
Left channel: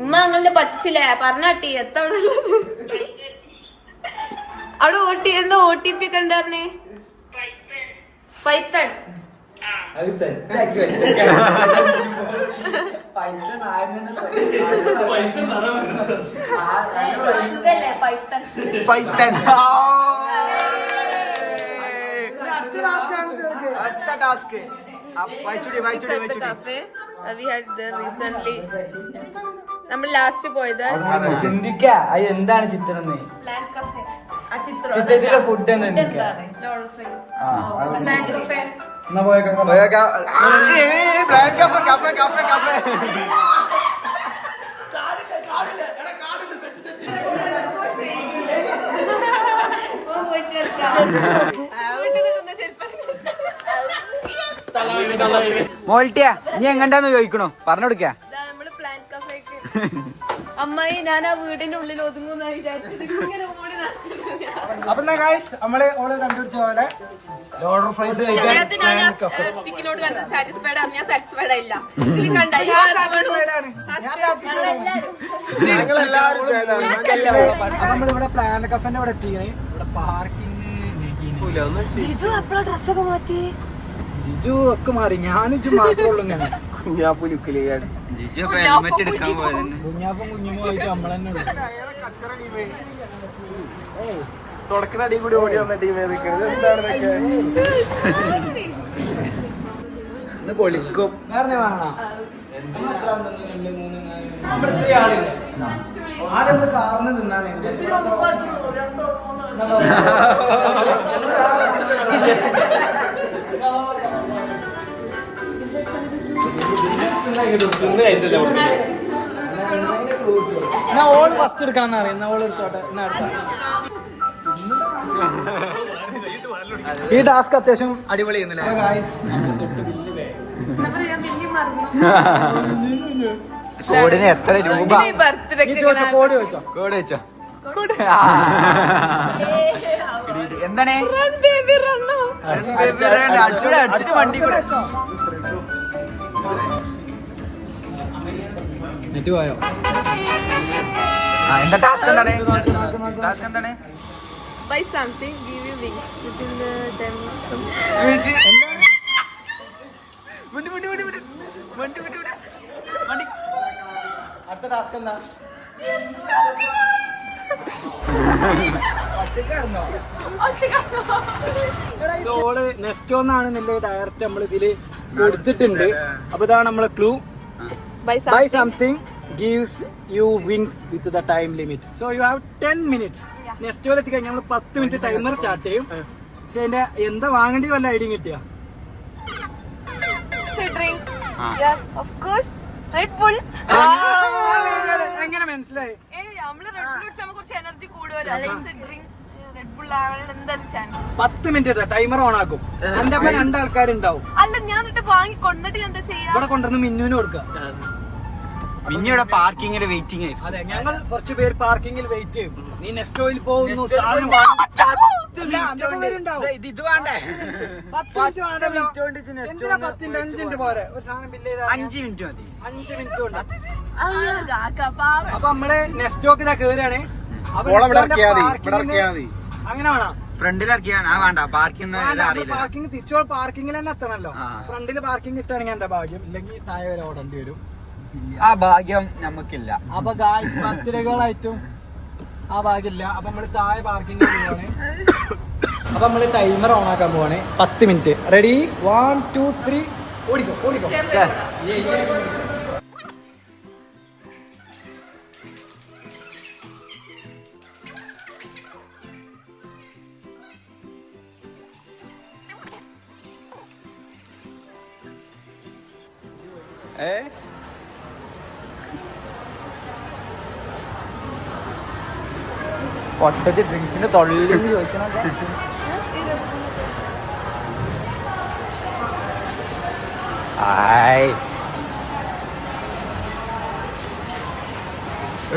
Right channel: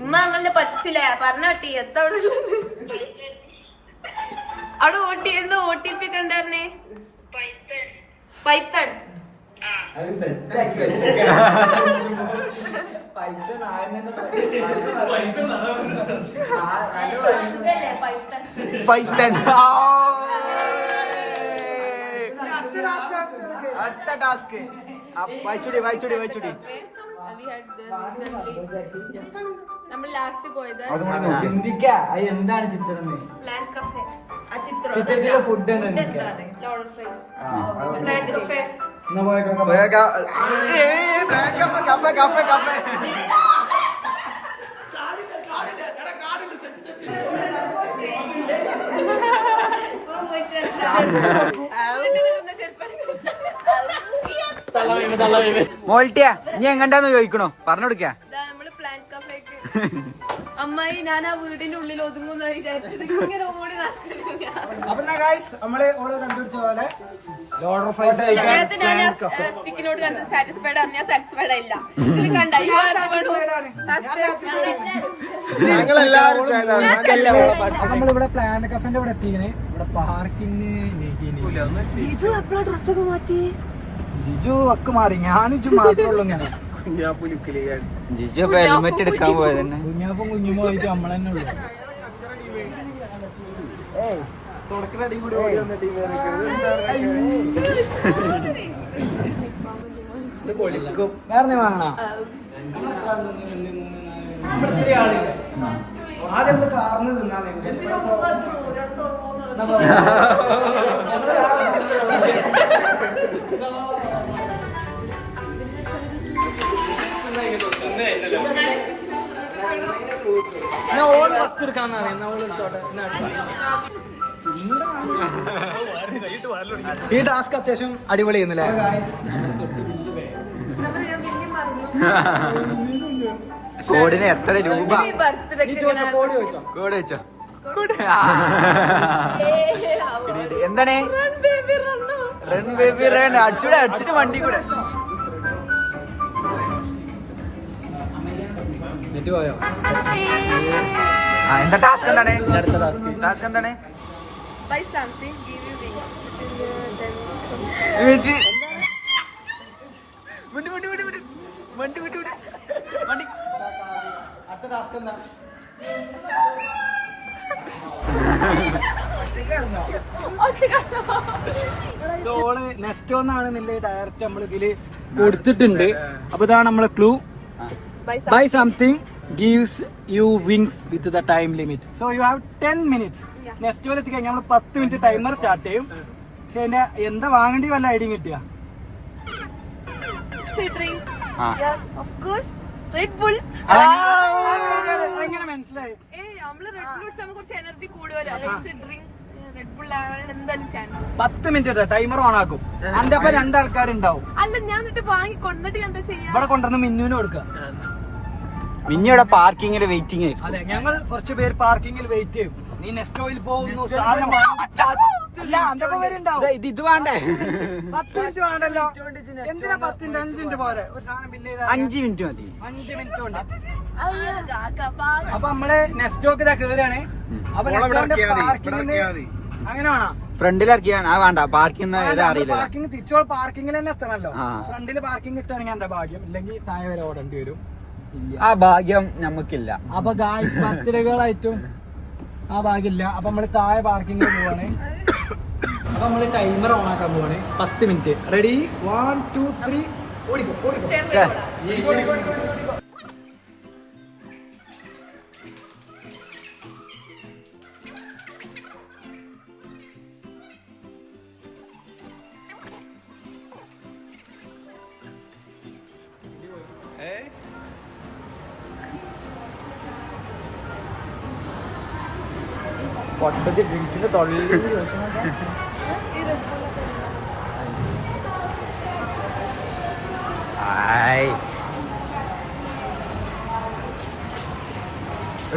ഉമ്മ അങ്ങനെ പറ്റില്ലേ പറഞ്ഞാട്ടി എത്ര അവിടെ എന്താ OTP ഒക്കെ ഉണ്ടായിരുന്നേ? പൈത്തൺ. പൈത്തൺ. അടുത്ത ടാസ്ക് വായിച്ചോടി. നമ്മൾ ലാസ്റ്റ് പോയത് ചിന്തിക്കാ എന്താണ് ചിത്രം? Plan cafe. ആ ചിത്രം food loader fries plan cafe. മോൾട്ടിയാ നീ എങ്ങണ്ടാന്ന് ചോദിക്കണോ? പറഞ്ഞു കൊടുക്ക. നമ്മള് പ്ലാൻ കഫേക്ക്. അമ്മായി ഞാൻ ആ വീടിന്റെ ഉള്ളിൽ ഒതുങ്ങുന്ന വിചാരിച്ചിട്ട് ഇങ്ങനെ ഓടി നടക്കുന്നു. അപ്പൊ നമ്മള് കണ്ടുപിടിച്ച പോലെ ലോഡർ ഫ്രൈസ് സ്റ്റിക്കിനോട് സാറ്റിസ്ഫൈഡ് ആണ്. ഞാൻ സാറ്റിസ്ഫൈഡ് ഇല്ല. ഇതിൽ കണ്ട നമ്മളിവിടെ പ്ലാൻ കഫേന്റെ ഇവിടെ എത്തിക്കണേ. ഇവിടെ പാർക്കിംഗ് ജിജു എപ്പോഴാ ഡ്രസ്സൊക്കെ മാറ്റി? ജിജു ഒക്കെ മാറി. ഞാനും ജിജു മാത്രമേ ഉള്ളൂ ഇങ്ങനെ. ജിജു ഹെൽമെറ്റ് എടുക്കാൻ പോയത് തന്നെ. കുഞ്ഞാപ്പം കുഞ്ഞുമായിട്ട് നമ്മളെന്നെ തുടക്കടി കൂടി ഓടി വന്ന ടീം ഇത് പൊളിക്കും. വേറെ വേണോ? നമ്മളെത്ര ആളുണ്ട്? 1, 2, 3, 4. നമ്മുടെ ഇത്രയും ആളില്ലേ? ആദ്യം നമ്മള് കാർന്ന് നിന്നാണ്. ഞാൻ ഓള് ഫസ്റ്റ് എടുക്കാന്ന് അറിയാം. ഓള് എടുത്തോട്ടെ. ഈ ടാസ്ക് അത്യാവശ്യം അടിപൊളി ചെയ്യുന്നില്ല. കോഡിന് എത്ര രൂപ? കോഡ് വെച്ചോ? എന്താണ് അടിച്ചൂടെ? അടിച്ചിട്ട് വണ്ടി കൂടെ എന്താ ടാസ്ക്? എന്താണ് ടാസ്ക്? എന്താണ്? Buy something, give you wings within the time. വണ്ടി വണ്ടി വണ്ടി വണ്ടി വണ്ടി വണ്ടി വണ്ടി അടുത്ത ടാസ്ക് എന്താ? ഓള് നെക്സ്റ്റ് ഒന്നാണെന്നില്ല ഡയറക്റ്റ് നമ്മൾ ഇതില് കൊടുത്തിട്ടുണ്ട്. അപ്പൊ ഇതാണ് നമ്മളെ clue. Buy Buy something. something gives you wings with the time limit. So you have 10 minutes. Next പോലെ എത്തിക്കഴിഞ്ഞാൽ നമ്മൾ 10 മിനിറ്റ് ടൈമർ സ്റ്റാർട്ട് ചെയ്യും. പക്ഷെ അതിന്റെ എന്താ വാങ്ങേണ്ടി വല്ല ഐഡിയ കിട്ടിയ? It's a drink. Yes, of course. Red Bull. എങ്ങനെ മനസ്സിലായി? നമ്മള് Red Bull കുടിച്ചാൽ നമുക്ക് കുറച്ച് എനർജി കൂടുതലോ. It's a drink. Red Bull ആണ് എന്തായാലും ചാൻസ്. 10 മിനിറ്റ് ടൈമർ ഓൺ ആക്കും. അതിന്റെ അപ്പൊ 2 ആൾക്കാരുണ്ടാവും. അല്ല ഞാൻ എന്നിട്ട് വാങ്ങി കൊണ്ടിട്ട് എന്താ ചെയ്യാ? ഇവിടെ കൊണ്ടുവന്ന് മിന്നുവിന് കൊടുക്കുക. മിന്നിയുടെ പാർക്കിങ്ങില് വെയിറ്റിംഗ്. അതെ, ഞങ്ങൾ കുറച്ച് പേര് പാർക്കിങ്ങിൽ വെയിറ്റ് ചെയ്യും. നീ നെക്സ്റ്റ് ഓയിൽ പോകുന്നു, സാധനം ഇല്ല, അന്റെ പേരുണ്ടാവും. ഇത് വേണ്ടേ? 10 മിനിറ്റ് വേണ്ടല്ലോ. എന്തിനാ 10 മിനിറ്റ്? 5 മിനിറ്റ് പോരെ ഒരു സാധനം ബില്ല് ചെയ്താൽ? 5 മിനിറ്റ് മതി. 5 മിനിറ്റ് കൊണ്ട്. പാവം. അപ്പൊ നമ്മള് നെക്സ്റ്റ് ഒക്കെ ഇതാ കേറാണ്. അങ്ങനെ വേണം. ഫ്രണ്ടിൽ ഇറക്കിയാണ്. ആ വേണ്ട, പാർക്കിംഗ് അറിയില്ല. പാർക്കിംഗ് തിരിച്ചോൾ പാർക്കിങ്ങിൽ തന്നെ എത്തണല്ലോ. ആ. ഫ്രണ്ടില് പാർക്കിംഗ് കിട്ടുകയാണെങ്കിൽ എന്റെ ഭാഗ്യം, ഇല്ലെങ്കിൽ താഴെ വരെ ഓടേണ്ടി വരും. ആ ഭാഗ്യം നമുക്കില്ല. അപ്പൊ ഗായ്സ് ബർത്ത്ഡേകളായിട്ടും ആ ഭാഗ്യമില്ല. അപ്പൊ നമ്മള് താഴെ പാർക്കിങ്ങിൽ പോവാണ്. അപ്പൊ നമ്മള് ടൈമർ ഓൺ ആക്കാൻ പോവാണ്. 10 മിനിറ്റ്. റെഡി? 1, 2, 3. ഓടിക്കോ ഓടിക്കോ. പൊട്ടത്തി ഡ്രിങ്ക്സിന്റെ തൊള്ളിൽ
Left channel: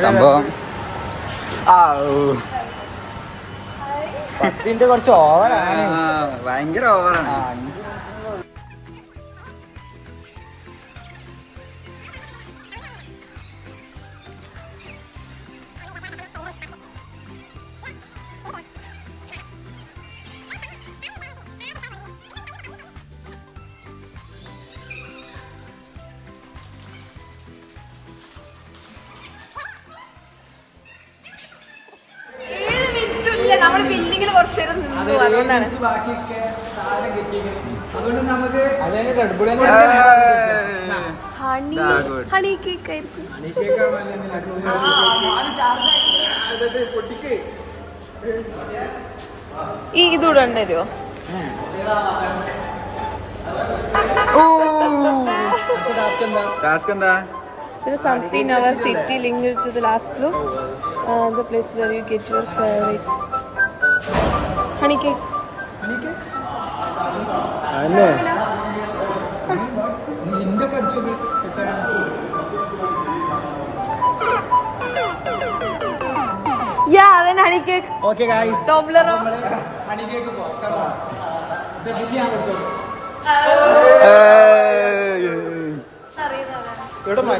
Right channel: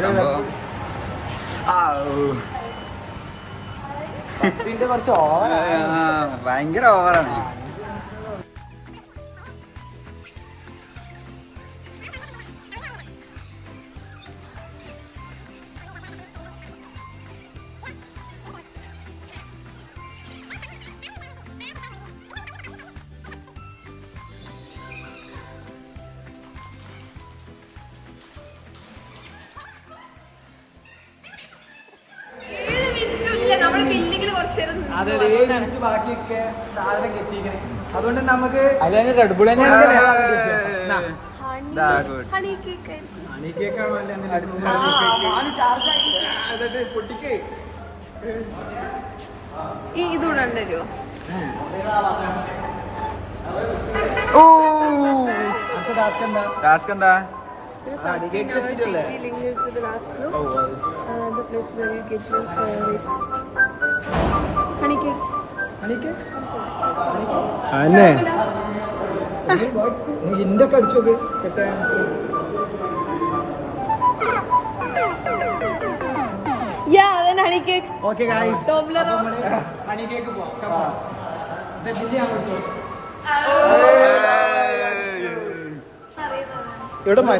സംഭവം കുറച്ച് ഓവർ. ഭയങ്കര ഓവറാണ്. നമ്മൾ ബില്ലിങ്ങിൽ കുറച്ച് നേരം അതെ, 7 മിനിറ്റ് ബാക്കിയൊക്കെ സാധനം കിട്ടിയിരിക്കണം. അതുകൊണ്ട് നമുക്ക് ഹണി കേക്ക് ആയിരിക്കും. ഈ ഇതൂടെ ഉണ്ടല്ലോ. ടാസ്ക് എന്താ? There is something in our city linked to the last clue. The place where you get your favorite honey cake. ഹിന്ദൊക്കെ അടിച്ചു നോക്ക്. Yeah, then honey cake. Okay guys, Toblerone. നമ്മള് ഹണി കേക്ക് പോവാം. Come on. Bill ഞാൻ കൊടുത്തു.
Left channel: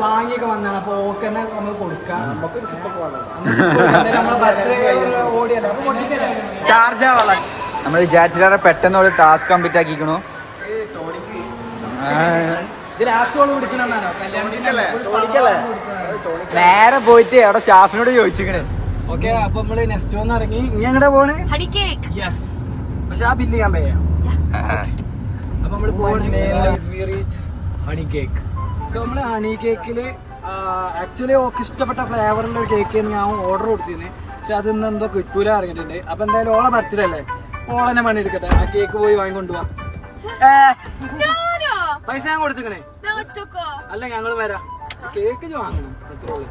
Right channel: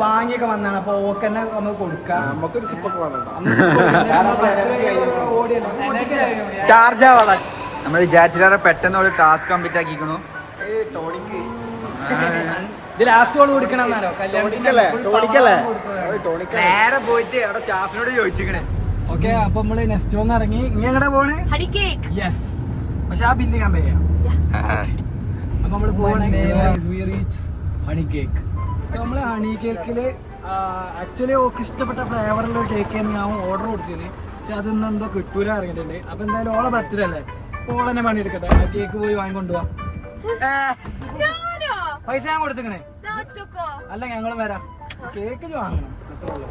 വാങ്ങിയൊക്കെ വന്നാണ്. അപ്പൊ okay തന്നെ നമുക്ക് കൊടുക്കാം. ചാർജ് ആവാ. നമ്മൾ വിചാരിച്ചിട്ട് പെട്ടെന്ന് ഒരു ടാസ്ക് കംപ്ലീറ്റ് ആക്കിക്കണു. ഇത് ലാസ്റ്റ് കൊണ്ട് കൊടുക്കണമെന്നാലോ കല്യാണത്തിന്റെ നേരെ പോയിട്ട് അവിടെ സ്റ്റാഫിനോട് ചോദിച്ചിക്കണേ. ഓക്കെ, അപ്പൊ നമ്മള് നെക്സ്റ്റ് ഒന്ന് ഇറങ്ങി. ഇനി എങ്ങടെ പോണേ? Honey cake. യെസ്. പക്ഷെ ആ ബില്ല് ഞാൻ ചെയ്യാം. അപ്പൊ നമ്മള് പോണേ. Honey cake. സോ നമ്മള് ഹണി കേക്കില് ആക്ച്വലി ഓക്ക് ഇഷ്ടപ്പെട്ട ഫ്ലേവറിന്റെ ഒരു കേക്ക് ഞാൻ ഓർഡർ കൊടുത്തിരുന്നു. പക്ഷെ അതൊന്നും എന്തോ കിട്ടൂല അറിഞ്ഞിട്ടുണ്ട്. അപ്പൊ എന്തായാലും ഓളെ ബർത്ത്ഡേ അല്ലേ, ഓളെന്നെ പണി എടുക്കട്ടെ. ആ കേക്ക് പോയി വാങ്ങിക്കൊണ്ടുപോവാ. പൈസ ഞാൻ കൊടുത്തിക്കണേ. അല്ല ഞങ്ങൾ വരാം, കേക്ക് വാങ്ങണം, എത്ര ഉള്ളു.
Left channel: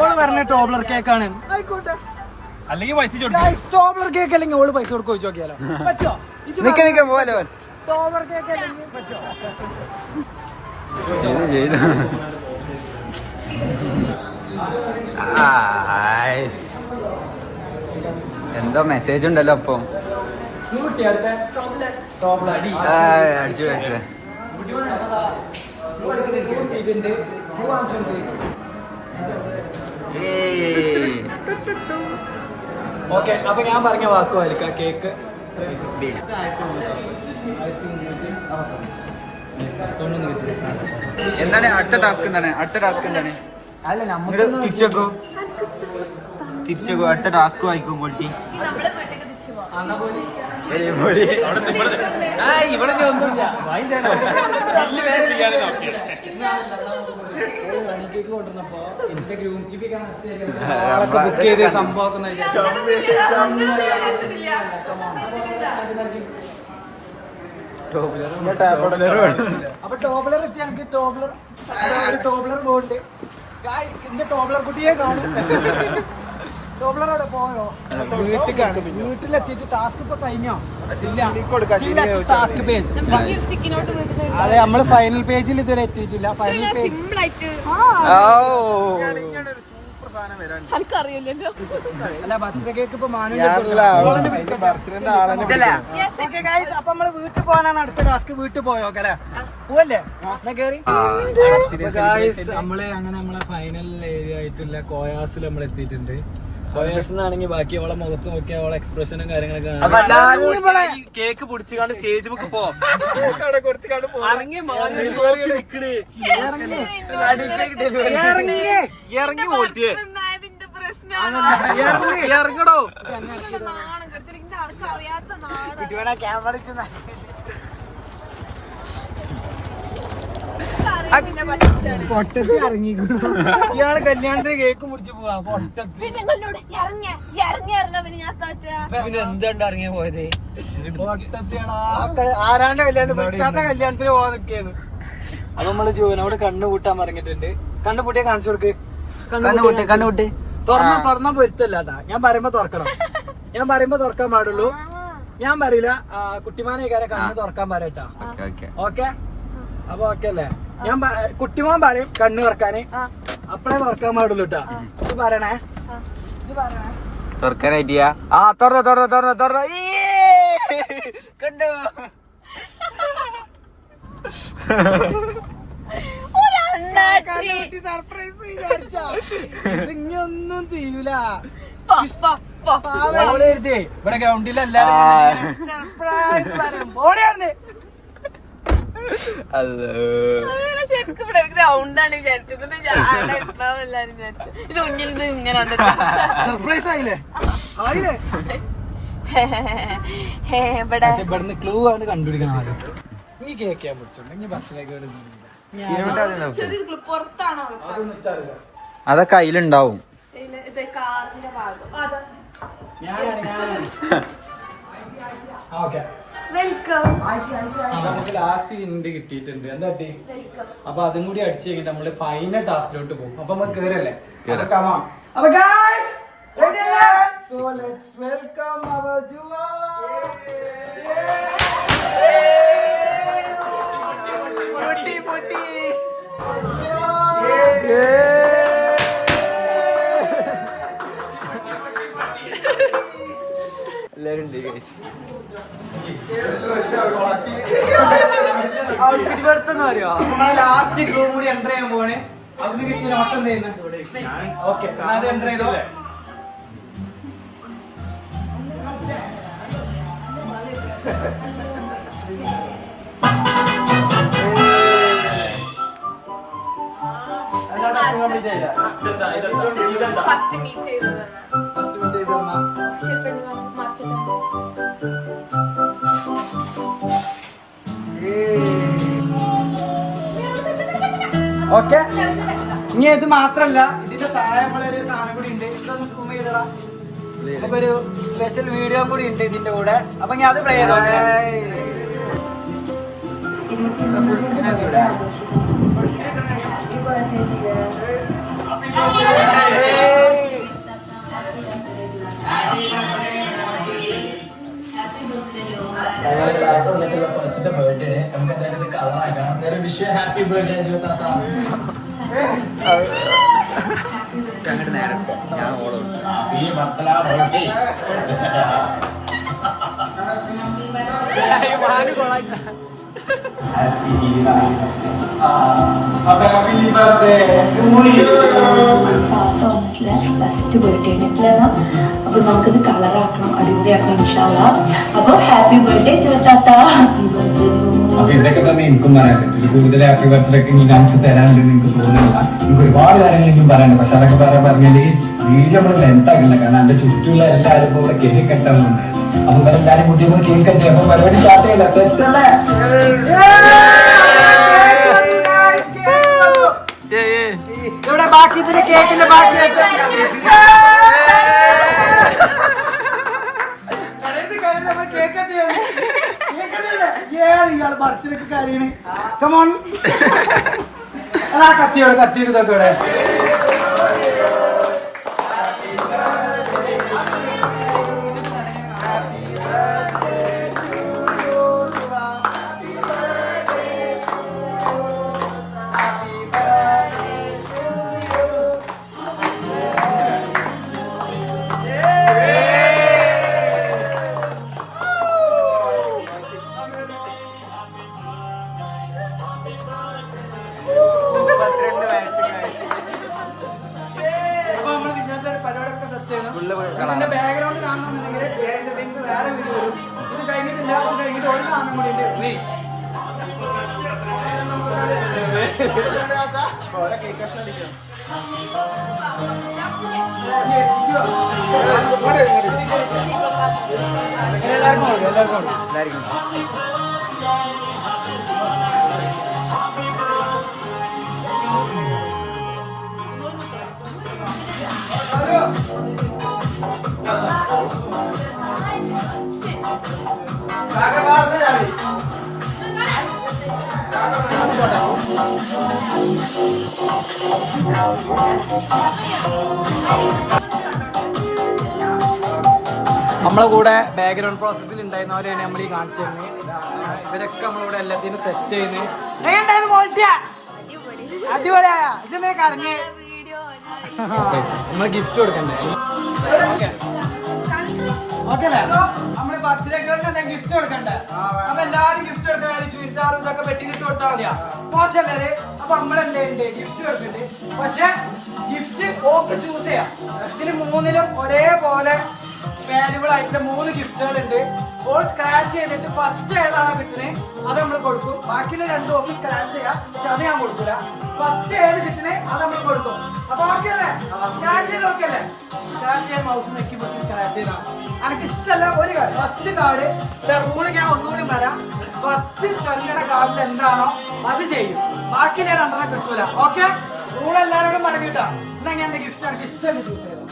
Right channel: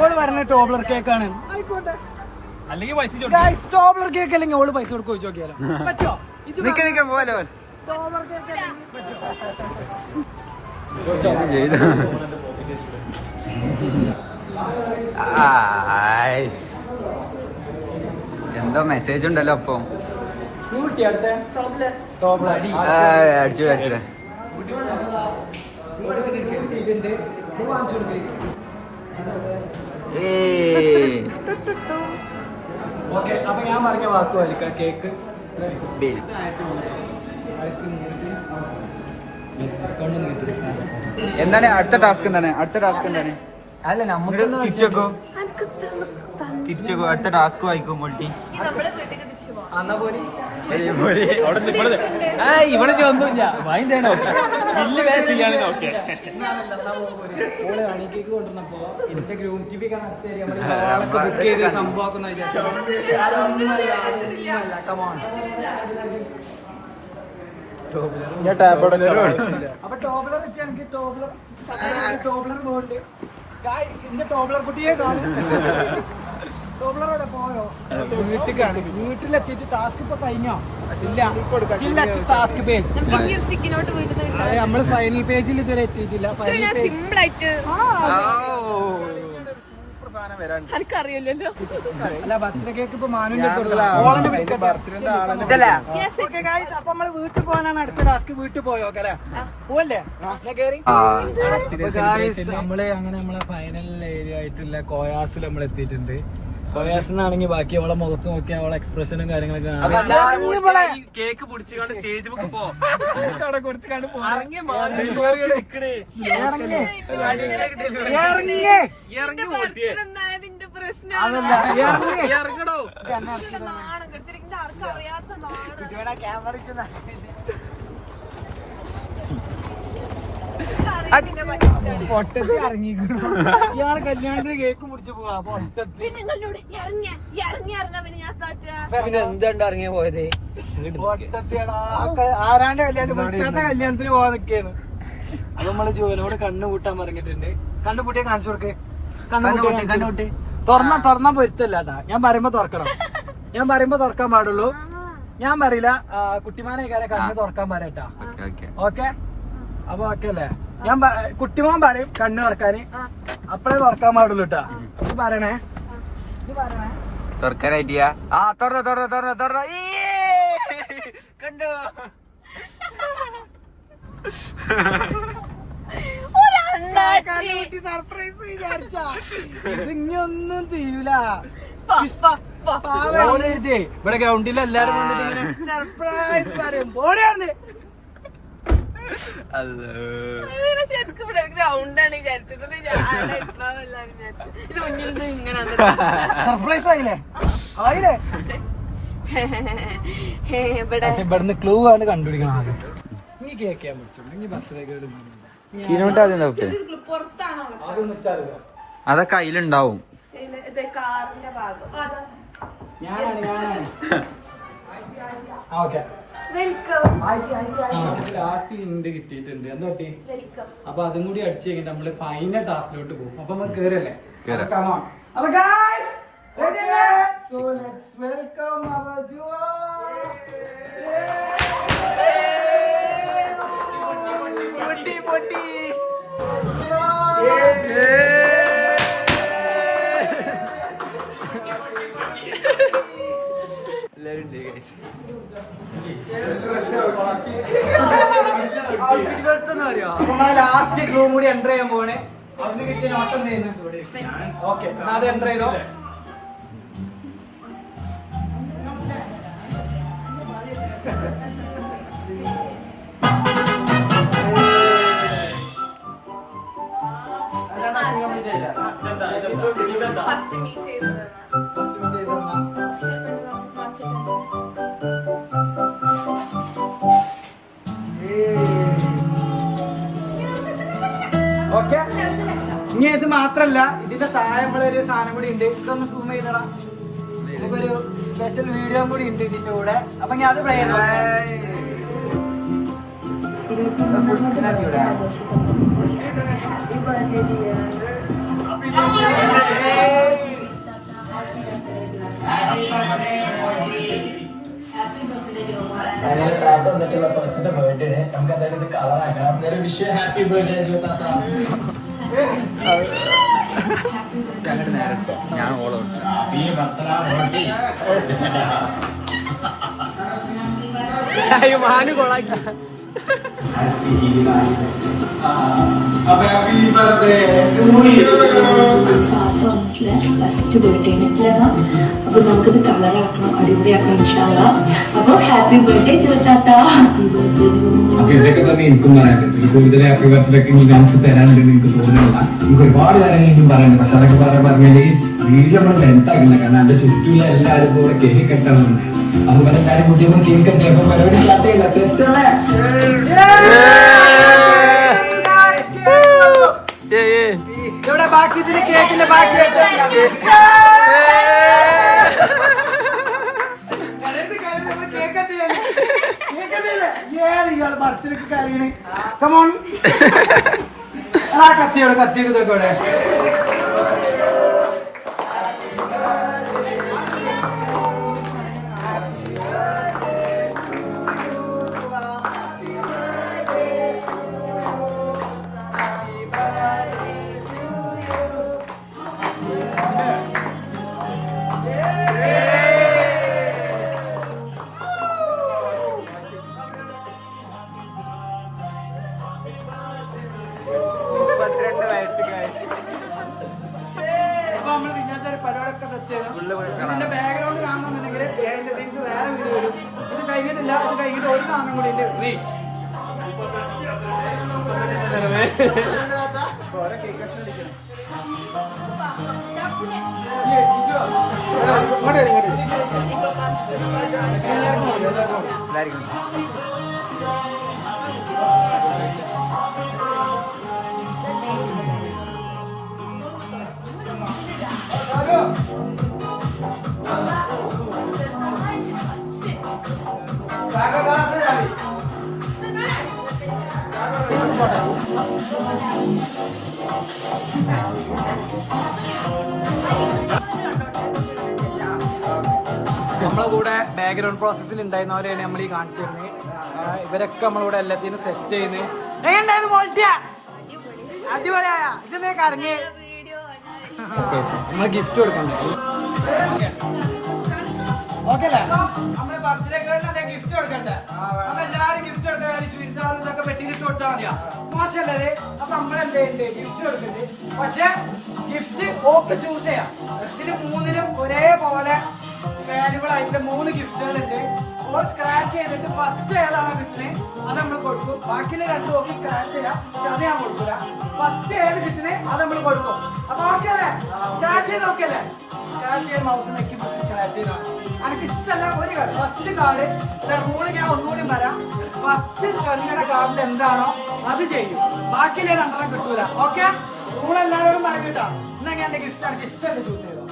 ഓള് പറഞ്ഞ ടോബ്ലർ കേക്കാണ്. ആയിക്കോട്ടെ, ടോബ്ലർ കേക്ക് അല്ലെങ്കിൽ ഓള് പൈസ കൊടുക്കുക ചോദിച്ചു നോക്കിയാലോ. പറ്റോ? പോലെ ടോബ്ലർ കേക്ക് പറ്റോ? എന്തോ മെസ്സേജ് ഉണ്ടല്ലോ അപ്പൊ. അടിച്ചു അടിച്ചു. ഓക്കെ, അപ്പൊ ഞാൻ പറഞ്ഞ വാക്ക് വലിക്കാം. കേക്ക് ഡിസ്കൗണ്ട് ഒന്നും കിട്ടില്ല. എന്താണ് അടുത്ത ടാസ്ക്? എന്താണ് അല്ല നിങ്ങള് തിരിച്ചേക്കോ, അടുത്ത ടാസ്ക് വായിക്കും. മോൾട്ടി കേക്ക് കൊണ്ടുവന്നപ്പോ എന്റെ ഗ്രൂം ടി വി ബുക്ക് ചെയ്ത് സംഭവം അപ്പൊ ടോബ്ലർ വെച്ചാൽ ടോബ്ലർ പോണ്ട്. എന്റെ ടോബ്ലർ കുട്ടിയെ കാണും. ടോബ്ലറോടെ പോയോ? വീട്ടിലെത്തിയിട്ട് ടാസ്ക് ഇപ്പൊ കഴിഞ്ഞോ? ഇല്ല, ടാസ്ക് പേജ്. അതെ, നമ്മള് ഫൈനൽ പേജിൽ ഇതുവരെ എത്തിയിട്ടില്ല. ഫൈനൽ പേജ് അല്ല, ബർത്ത്ഡേ കേക്ക് ഇപ്പൊ മാനുവിന്റെ അപ്പൊ നമ്മള് വീട്ടിൽ പോകാനാണ് അടുത്ത ടാസ്ക്. വീട്ടിൽ പോയോ അല്ലേ? പോവല്ലേ? കേറി നമ്മള് അങ്ങനെ നമ്മളെ ഫൈനൽ ഏരിയ ആയിട്ടുള്ള കോയാസിൽ നമ്മൾ എത്തിയിട്ടുണ്ട്. കോയാസിനാണെങ്കിൽ ബാക്കി അവളെ മുഖത്ത് നോക്കി അവളെ എക്സ്പ്രഷനും കാര്യങ്ങളൊക്കെ കേക്ക് പൊടിച്ചാണ്ട് സ്റ്റേജ് ബുക്ക് പോ ഇറങ്ങി പോറ്റിയേ ഇറങ്ങടോ. പൊട്ടത്തി ഇറങ്ങിക്കണു. ഇയാള് കല്യാണത്തിന് കേക്ക് മുറിച്ച് പോവാ. പൊട്ടത്തി എന്തുകൊണ്ട് ഇറങ്ങിയ പോയത്? പൊട്ടത്തിയാടാ. ആരാന്റെ കല്യാണത്തിന് വിളിച്ചാത്ത കല്യാണത്തിന് പോവാ നിക്കേന്ന്. അപ്പൊ നമ്മള് ജോനോട് കണ്ണു പൂട്ടാൻ പറഞ്ഞിട്ടുണ്ട്. കണ്ണു പൂട്ടിയെ കാണിച്ചു കൊടുക്ക്. കണ്ണുകൂട്ടി തുറന്നാ പൊരുത്തല്ലാട്ടാ. ഞാൻ പറയുമ്പോ തുറക്കണം. ഞാൻ പറയുമ്പോ തുറക്കാൻ പാടുള്ളൂ. ഞാൻ പറയില്ല. കുട്ടിമാനെ കണ്ണ് തുറക്കാൻ പറയട്ടാ. ഓക്കെ, അപ്പൊ ഓക്കെ അല്ലേ? ഞാൻ കുട്ടിമാൻ പറയും കണ്ണ് തുറക്കാന്, അപ്പഴേ തുറക്കാൻ പാടുള്ളൂ കേട്ടാ. ഇത് പറയണേ, തുറക്കാനായിട്ടിയാ? ആ തുറ കണ്ടോ? സർപ്രൈസ് വിചാരിച്ചാ ഇതിങ്ങൊന്നും തീരൂല. ഇവിടെ ഗ്രൗണ്ടിലെല്ലാരും സർപ്രൈസ് പറയും. ഓടിയാർന്ന് സർപ്രൈസ് ആയില്ലേ? ആയില്ലേ? ഇവിടുന്ന് ക്ലൂ ആണ് കണ്ടുപിടിക്കണം. ആദ്യം നീ കേക്ക് ചെയ്യാൻ പറ്റുള്ളൂ. ഇനി ബർത്ത്ഡേക്ക് അതൊക്കെ അതിലുണ്ടാവും. ലാസ്റ്റ് ഇന്റ് കിട്ടിയിട്ടുണ്ട്. എന്താ പറ്റി? അപ്പൊ അതും കൂടി അടിച്ചു കഴിഞ്ഞിട്ട് നമ്മള് ഫൈനൽ ടാസ്കിലോട്ട് പോകും. അപ്പൊ നമ്മൾ കേറല്ലേ? അപ്പൊ guys, so let's welcome our Juwan. പൊട്ടി എല്ലാരും ഉണ്ട് ഗൈസ്. ലാസ്റ്റ് ക്ലൂ കൂടി എൻ്റർ ചെയ്യാൻ പോണേ. അതിന് കിട്ടിയ നോട്ട് എന്ത് ചെയ്യുന്നത്? ഓക്കെ, എന്നാ അത് എൻ്റർ ചെയ്തോ. ഫസ്റ്റ് മീറ്റ് ചെയ്തത് ഇത് മാത്രല്ല ഇതിന്റെ താഴെ നമ്മളൊരു സാധനം കൂടി ഉണ്ട്. ഇതൊന്ന് സൂം ചെയ്തടാ. നമുക്കൊരു സ്പെഷ്യൽ വീഡിയോ കൂടി ഉണ്ട് ഇതിന്റെ കൂടെ. അപ്പൊ ഞാൻ അത് പ്ലേ ചെയ്തോട്ടെ. ഫസ്റ്റത്തെ ബർത്ത്ഡേ നമുക്ക് എന്തായാലും കളറാക്കാം. വേറെ വിഷ് ഹാപ്പി ബർത്ത്ഡേ താത്ത. നേരം ഫസ്റ്റ് ബർത്ത്ഡേ അപ്പൊ നമുക്കത് കളറാക്കണം, അടിപൊളിയാക്കണം ഇൻഷാ അല്ലാഹ്. അപ്പൊ ഹാപ്പി ബർത്ത്ഡേ ചെറുത്താത്ത. അപ്പൊ ഇതൊക്കെ തന്നെ എനിക്കും പറയാനുണ്ട്. ഇതിൽ കൂടുതൽ ഹാപ്പി ബർത്ത്ഡേ ഒക്കെ നമുക്ക് തരാനുണ്ട് എനിക്ക് തോന്നുന്നില്ല. എനിക്ക് ഒരുപാട് കാര്യങ്ങൾ എനിക്കും പറയാനുണ്ട്. പക്ഷെ അതൊക്കെ പറഞ്ഞാല് വീഡിയോ നമ്മൾ ലെങ്ത് ആക്കില്ല. കാരണം എന്റെ ചുറ്റുമുള്ള എല്ലാവരും കൂടെ കേക്ക് കെട്ടണമെന്നുണ്ട്. അപ്പൊ എല്ലാരും കുട്ടികൾ കേക്ക് കെട്ടി അപ്പൊ പരിപാടി സ്റ്റാർട്ട് ചെയ്യില്ല. തെറ്റല്ലേ? ഇവിടെ ബാക്കി ഇതിന് കേക്കിന്റെ ബാക്കി ഇയാള് ബർത്ത്ഡേക്ക് കറിയണ്. കമോൺ ആ കത്തിയോടെ കത്തി ഇതൊക്കെ ഇവിടെ. പരിപാടിയൊക്കെ സെറ്റ് ചെയ്യണം. ബാക്ക്ഗ്രൗണ്ട് കാണണമെന്നുണ്ടെങ്കിൽ ബിഹൈൻഡ് തിങ്സ് വേറെ വീഡിയോ വരും. ഇത് കഴിഞ്ഞിട്ടില്ല. ഇത് കഴിഞ്ഞിട്ട് ഒരു സാധനം കൂടി ഉണ്ട്. നമ്മളെ കൂടെ ബാക്ക്ഗ്രൗണ്ട് പ്രോസസ്സിൽ ഉണ്ടായിരുന്നവരെയാണ് നമ്മൾ ഈ കാണിച്ചു തരുന്നത്. ഇവരൊക്കെ നമ്മളിവിടെ എല്ലാത്തിനും സെറ്റ് ചെയ്യുന്നത്. എങ്ങനെയുണ്ടായിരുന്നു ക്വാളിറ്റിയാ? അടിപൊളിയായ ഇതെന്താ കറങ്ങി. നമ്മള് ഗിഫ്റ്റ് കൊടുക്കണ്ടേ? ഓക്കെ അല്ലേ? നമ്മള് ബർത്ത്ഡേ ഗേളിന് ഗിഫ്റ്റ് കൊടുക്കണ്ടേ? അപ്പൊ എല്ലാരും ഗിഫ്റ്റ് കൊടുക്കാൻ ചുരിദാറും ഇതൊക്കെ വെട്ടിയിട്ട് കൊടുത്താൽ മതിയാ. മോശമല്ലേ? അപ്പൊ നമ്മളെന്തുണ്ട് ഗിഫ്റ്റ് കൊടുക്കണ്ട്. പക്ഷെ ഗിഫ്റ്റ് ഓക്ക് ചൂസ് ചെയ്യാം. ഇതില് മൂന്നിലും ഒരേപോലെ വാല്യുബിൾ ആയിട്ടുള്ള 3 ഗിഫ്റ്റുകളുണ്ട്. ഓൾ സ്ക്രാച്ച് ചെയ്തിട്ട് ഫസ്റ്റ് ഏതാണോ കിട്ടുന്നത് അത് നമ്മൾ കൊടുക്കും. ബാക്കിയുള്ള 2 ഓക്ക് സ്ക്രാച്ച് ചെയ്യാം. പക്ഷെ അത് ഞാൻ കൊടുക്കൂല. ഫസ്റ്റ് ഏത് കിട്ടുന്നത് അത് നമ്മൾ കൊടുക്കും. അപ്പൊ ഓക്കെ അല്ലേ? സ്ക്രാച്ച് ചെയ്ത് ഓക്കെ അല്ലേ? സ്ക്രാച്ച് ചെയ്യാൻ മൗസ് നെക്കി പിടിച്ച് സ്ക്രാച്ച് ചെയ്താണ്. എനിക്ക് ഇഷ്ടമല്ല ഒരു കാർഡ്. ഫസ്റ്റ് കാർഡ് റൂള് ഞാൻ ഒന്നുകൂടി പറയാം. ഫസ്റ്റ് ചൊല്ലുന്ന കാർഡിൽ എന്താണോ അത് ചെയ്യും. ബാക്കിയുള്ള 2 കിട്ടൂല. ഓക്കെ? റൂൾ എല്ലാവരോടും പറഞ്ഞിട്ടാ. എന്നാ ഞാൻ എന്റെ ഗിഫ്റ്റ് എനിക്ക് ഇഷ്ടമല്ല ചൂസ് ചെയ്തോ.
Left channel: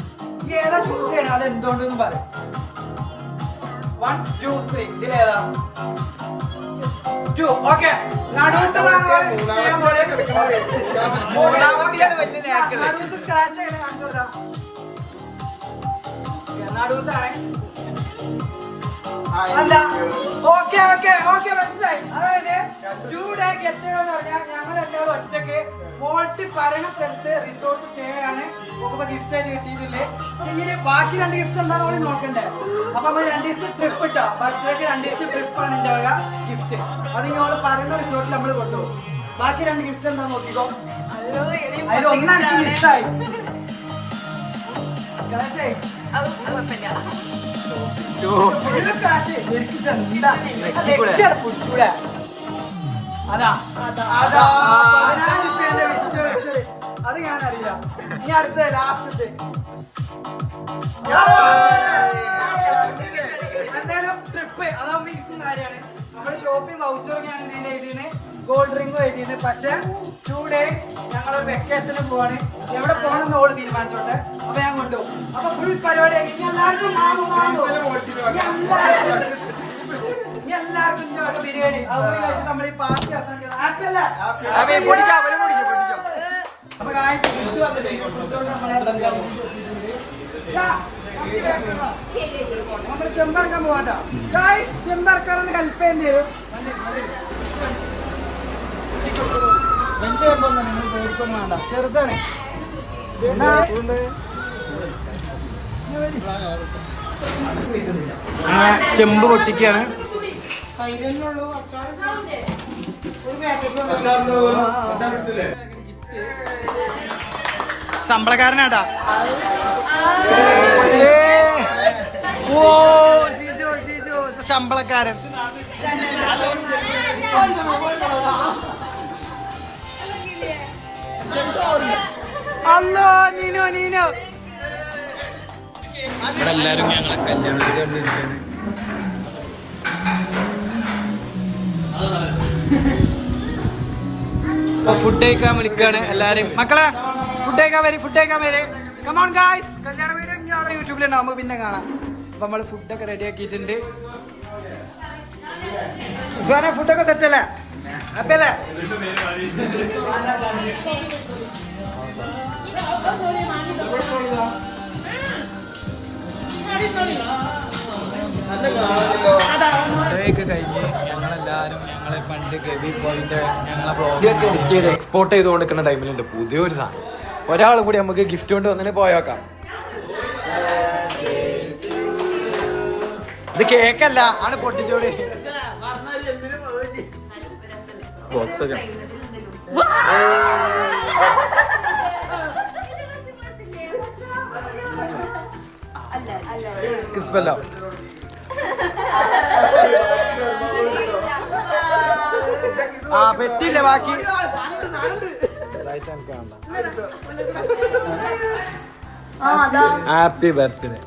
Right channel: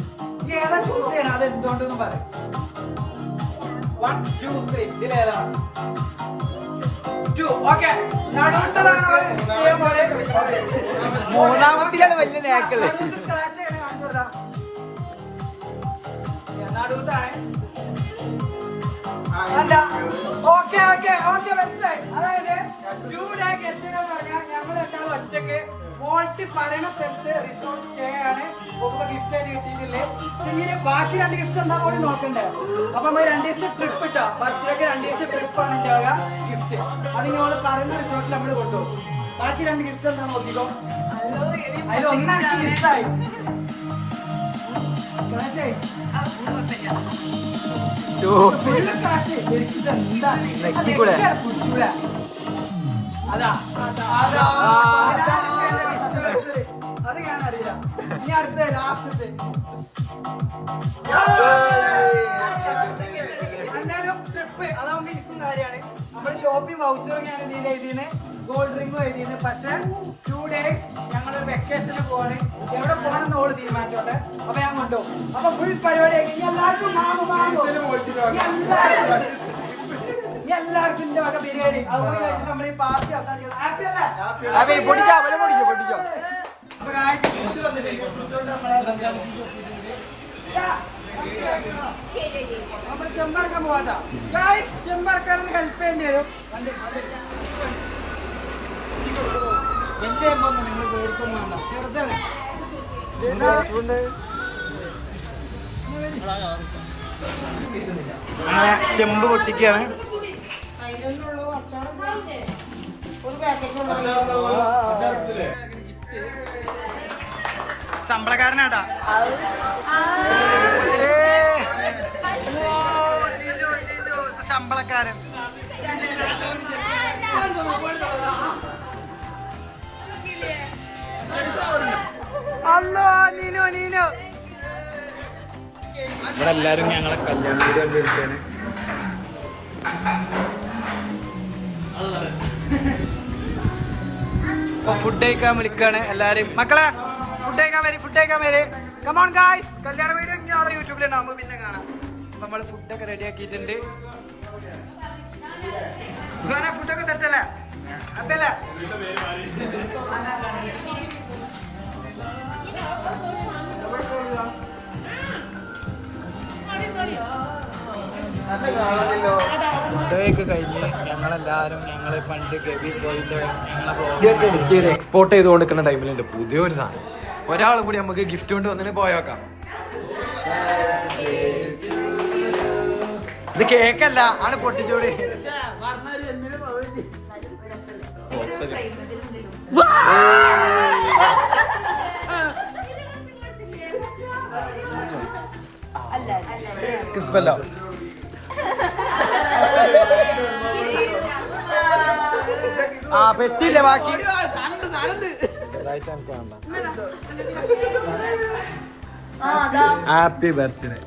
ഈ ഏതാ ചൂസ് ചെയ്യണം അത് എന്തുകൊണ്ടെന്ന് പറയാം. 1 2 3 ഇതിലേതാ? 2. ഓക്കെ. നടുത്തതാണ് ചെയ്യാൻ പോലെ. മൂന്നാമത്തെയാണ് വലിയ നേട്ടം. നടുത്ത് സ്ക്രാച്ച് ചെയ്യണം. നടുത്താണ്. ഓക്കെ ഓക്കെ ഓക്കെ മനസ്സിലായി. അതായത് 2 ഡേ ഗെറ്റ് ടുഗദർ പറഞ്ഞാൽ ഞങ്ങൾ എല്ലാവരും ഒറ്റക്ക് മോൾട്ടി പറയണ സ്ഥലത്ത് റിസോർട്ട് സ്റ്റേ ആണ്. ഗിഫ്റ്റ് ആയിട്ട് കിട്ടിയിട്ടില്ലേ? പക്ഷെ ബാക്കി 2 ഗിഫ്റ്റ് എന്താണോ കൂടി നോക്കണ്ടേ? അപ്പൊ നമ്മൾ 2 ദിവസത്തെ ട്രിപ്പ് ഇട്ടോ. ബർത്ത്ഡേക്ക് 2 ദിവസത്തെ ട്രിപ്പ് ആണ് ഉണ്ടാവുക ഗിഫ്റ്റ്. അത് ഞങ്ങൾ പറയുന്ന റിസോർട്ടിൽ നമ്മൾ കൊണ്ടുപോകും. ബാക്കി 2 ഗിഫ്റ്റ് എന്താ നോക്കിക്കോ. ഇഷ്ടമായി അതാ അത് ഞാനറിയില്ല. ഇനി അടുത്ത ലാസ്റ്റത്തെ എന്തായാലും ട്രിപ്പ് അതാവുമ്പോ എനിക്കും കാര്യമാണ്. നമ്മൾ ഷോപ്പിംഗ് വൗച്ചറും ഞാൻ ഇതിൽ എഴുതിന്, കോൾഡ് ഡ്രിങ്കും എഴുതിന്. പക്ഷെ 2 days ഞങ്ങളൊരു വെക്കേഷന് പോവാണ്. എവിടെ പോകണമെന്ന് ഓള് തീരുമാനിച്ചോട്ടെ. അപ്പൊ ഞാൻ കൊണ്ടുപോകും. അപ്പൊ ഫുൾ പരിപാടിയാക്കി എല്ലാവർക്കും എല്ലാവർക്കും ഇന്റെ വക ബിരിയാണി അതുപോലെ കഴിച്ചിട്ട് നമ്മുടെ ഈ പാർട്ടി അവസാനിക്കുന്നത്. ഹാപ്പി അല്ലേ? അപ്പൊ guys, food വന്നിട്ടുണ്ട്. Food കൊണ്ട് നമ്മളെ ബംഗാളി നമ്മള് ചെമ്പറക്കാൻ പോവാട്ടാ. ഗായ്സ് ചെമ്പറക്കാരൊന്ന് ഹെൽപ്പ് ചെയ്യേണ്ടി വരും. വലിയ എമ്പൊന്നും നിങ്ങൾ പേടിക്കൊന്നും വേണ്ട, ചെറുതാണ്. ചെമ്പ് പൊട്ടിക്കാണ്. ശമ്പളക്കാരനാട്ടാ. ശമ്പളക്കാരൻ അല്ലോ നീനോ നീനോ. ഇവിടെ എല്ലാരും ഞങ്ങളെ കല്യാണത്തിന് കണ്ടിരിക്കുകയാണ്. ഫുഡ് കഴിക്കാൻ വിളിക്കാണ് എല്ലാരും. മക്കളെ ഫുഡ് കഴിക്കാൻ വരെ. Come on guys. കല്യാണ വീഡിയോ ഞങ്ങളുടെ യൂട്യൂബിലുണ്ടാവുമ്പോ പിന്നെ കാണാം. അപ്പൊ നമ്മള് ഫുഡൊക്കെ റെഡി ആക്കിയിട്ടുണ്ട്. ഫുഡൊക്കെ സെറ്റ് അല്ലേ? ഹാപ്പി അല്ലേ? ഫുഡൊക്കെ കഴിഞ്ഞ് ഞങ്ങളെല്ലാവരും പണ്ട് ഗവി പോയിന്റ് ഞങ്ങളെ വ്ളോഗൊക്കെ എഡിറ്റ് ചെയ്ത് എക്സ്പോർട്ട് ചെയ്ത് കൊടുക്കുന്ന ടൈമിലുണ്ട് പുതിയൊരു സാധനം. ഒരാളും കൂടി നമുക്ക് ഗിഫ്റ്റ് കൊണ്ട് വന്നിട്ട് പോയേക്കാം. ഇത് കേക്കല്ല, ആണ് പൊട്ടിച്ചോട്. ക്രിസ്പല്ലോ ആ പെട്ടില്ലേ ബാക്കി. Happy birthday.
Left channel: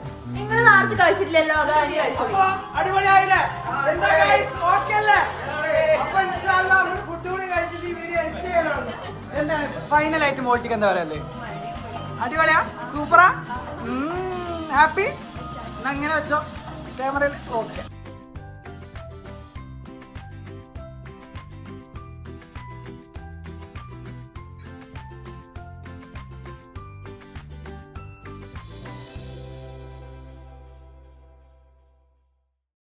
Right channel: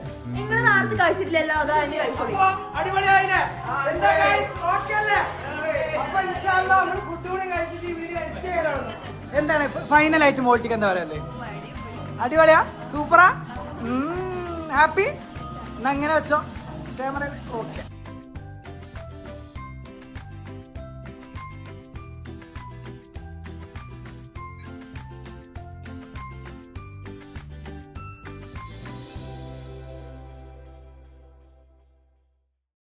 അപ്പൊ അടിപൊളിയായില്ലേ? എന്താ ഓക്കെ അല്ലേ? അപ്പൊ ഇൻഷാല്ലാ നമ്മള് ഫുഡ് കൂടി കഴിച്ചിട്ട് ഈ വീഡിയോ എഡിറ്റ് ചെയ്യാനുള്ളൂ. എന്താണ് ഫൈനലായിട്ട് മോട്ടിക്ക് എന്താ പറയല്ലേ? അടിപൊളിയാ? സൂപ്പറാ? ഹാപ്പി? എന്നാ അങ്ങനെ വെച്ചോ ക്യാമറയിൽ. ഓക്കെ.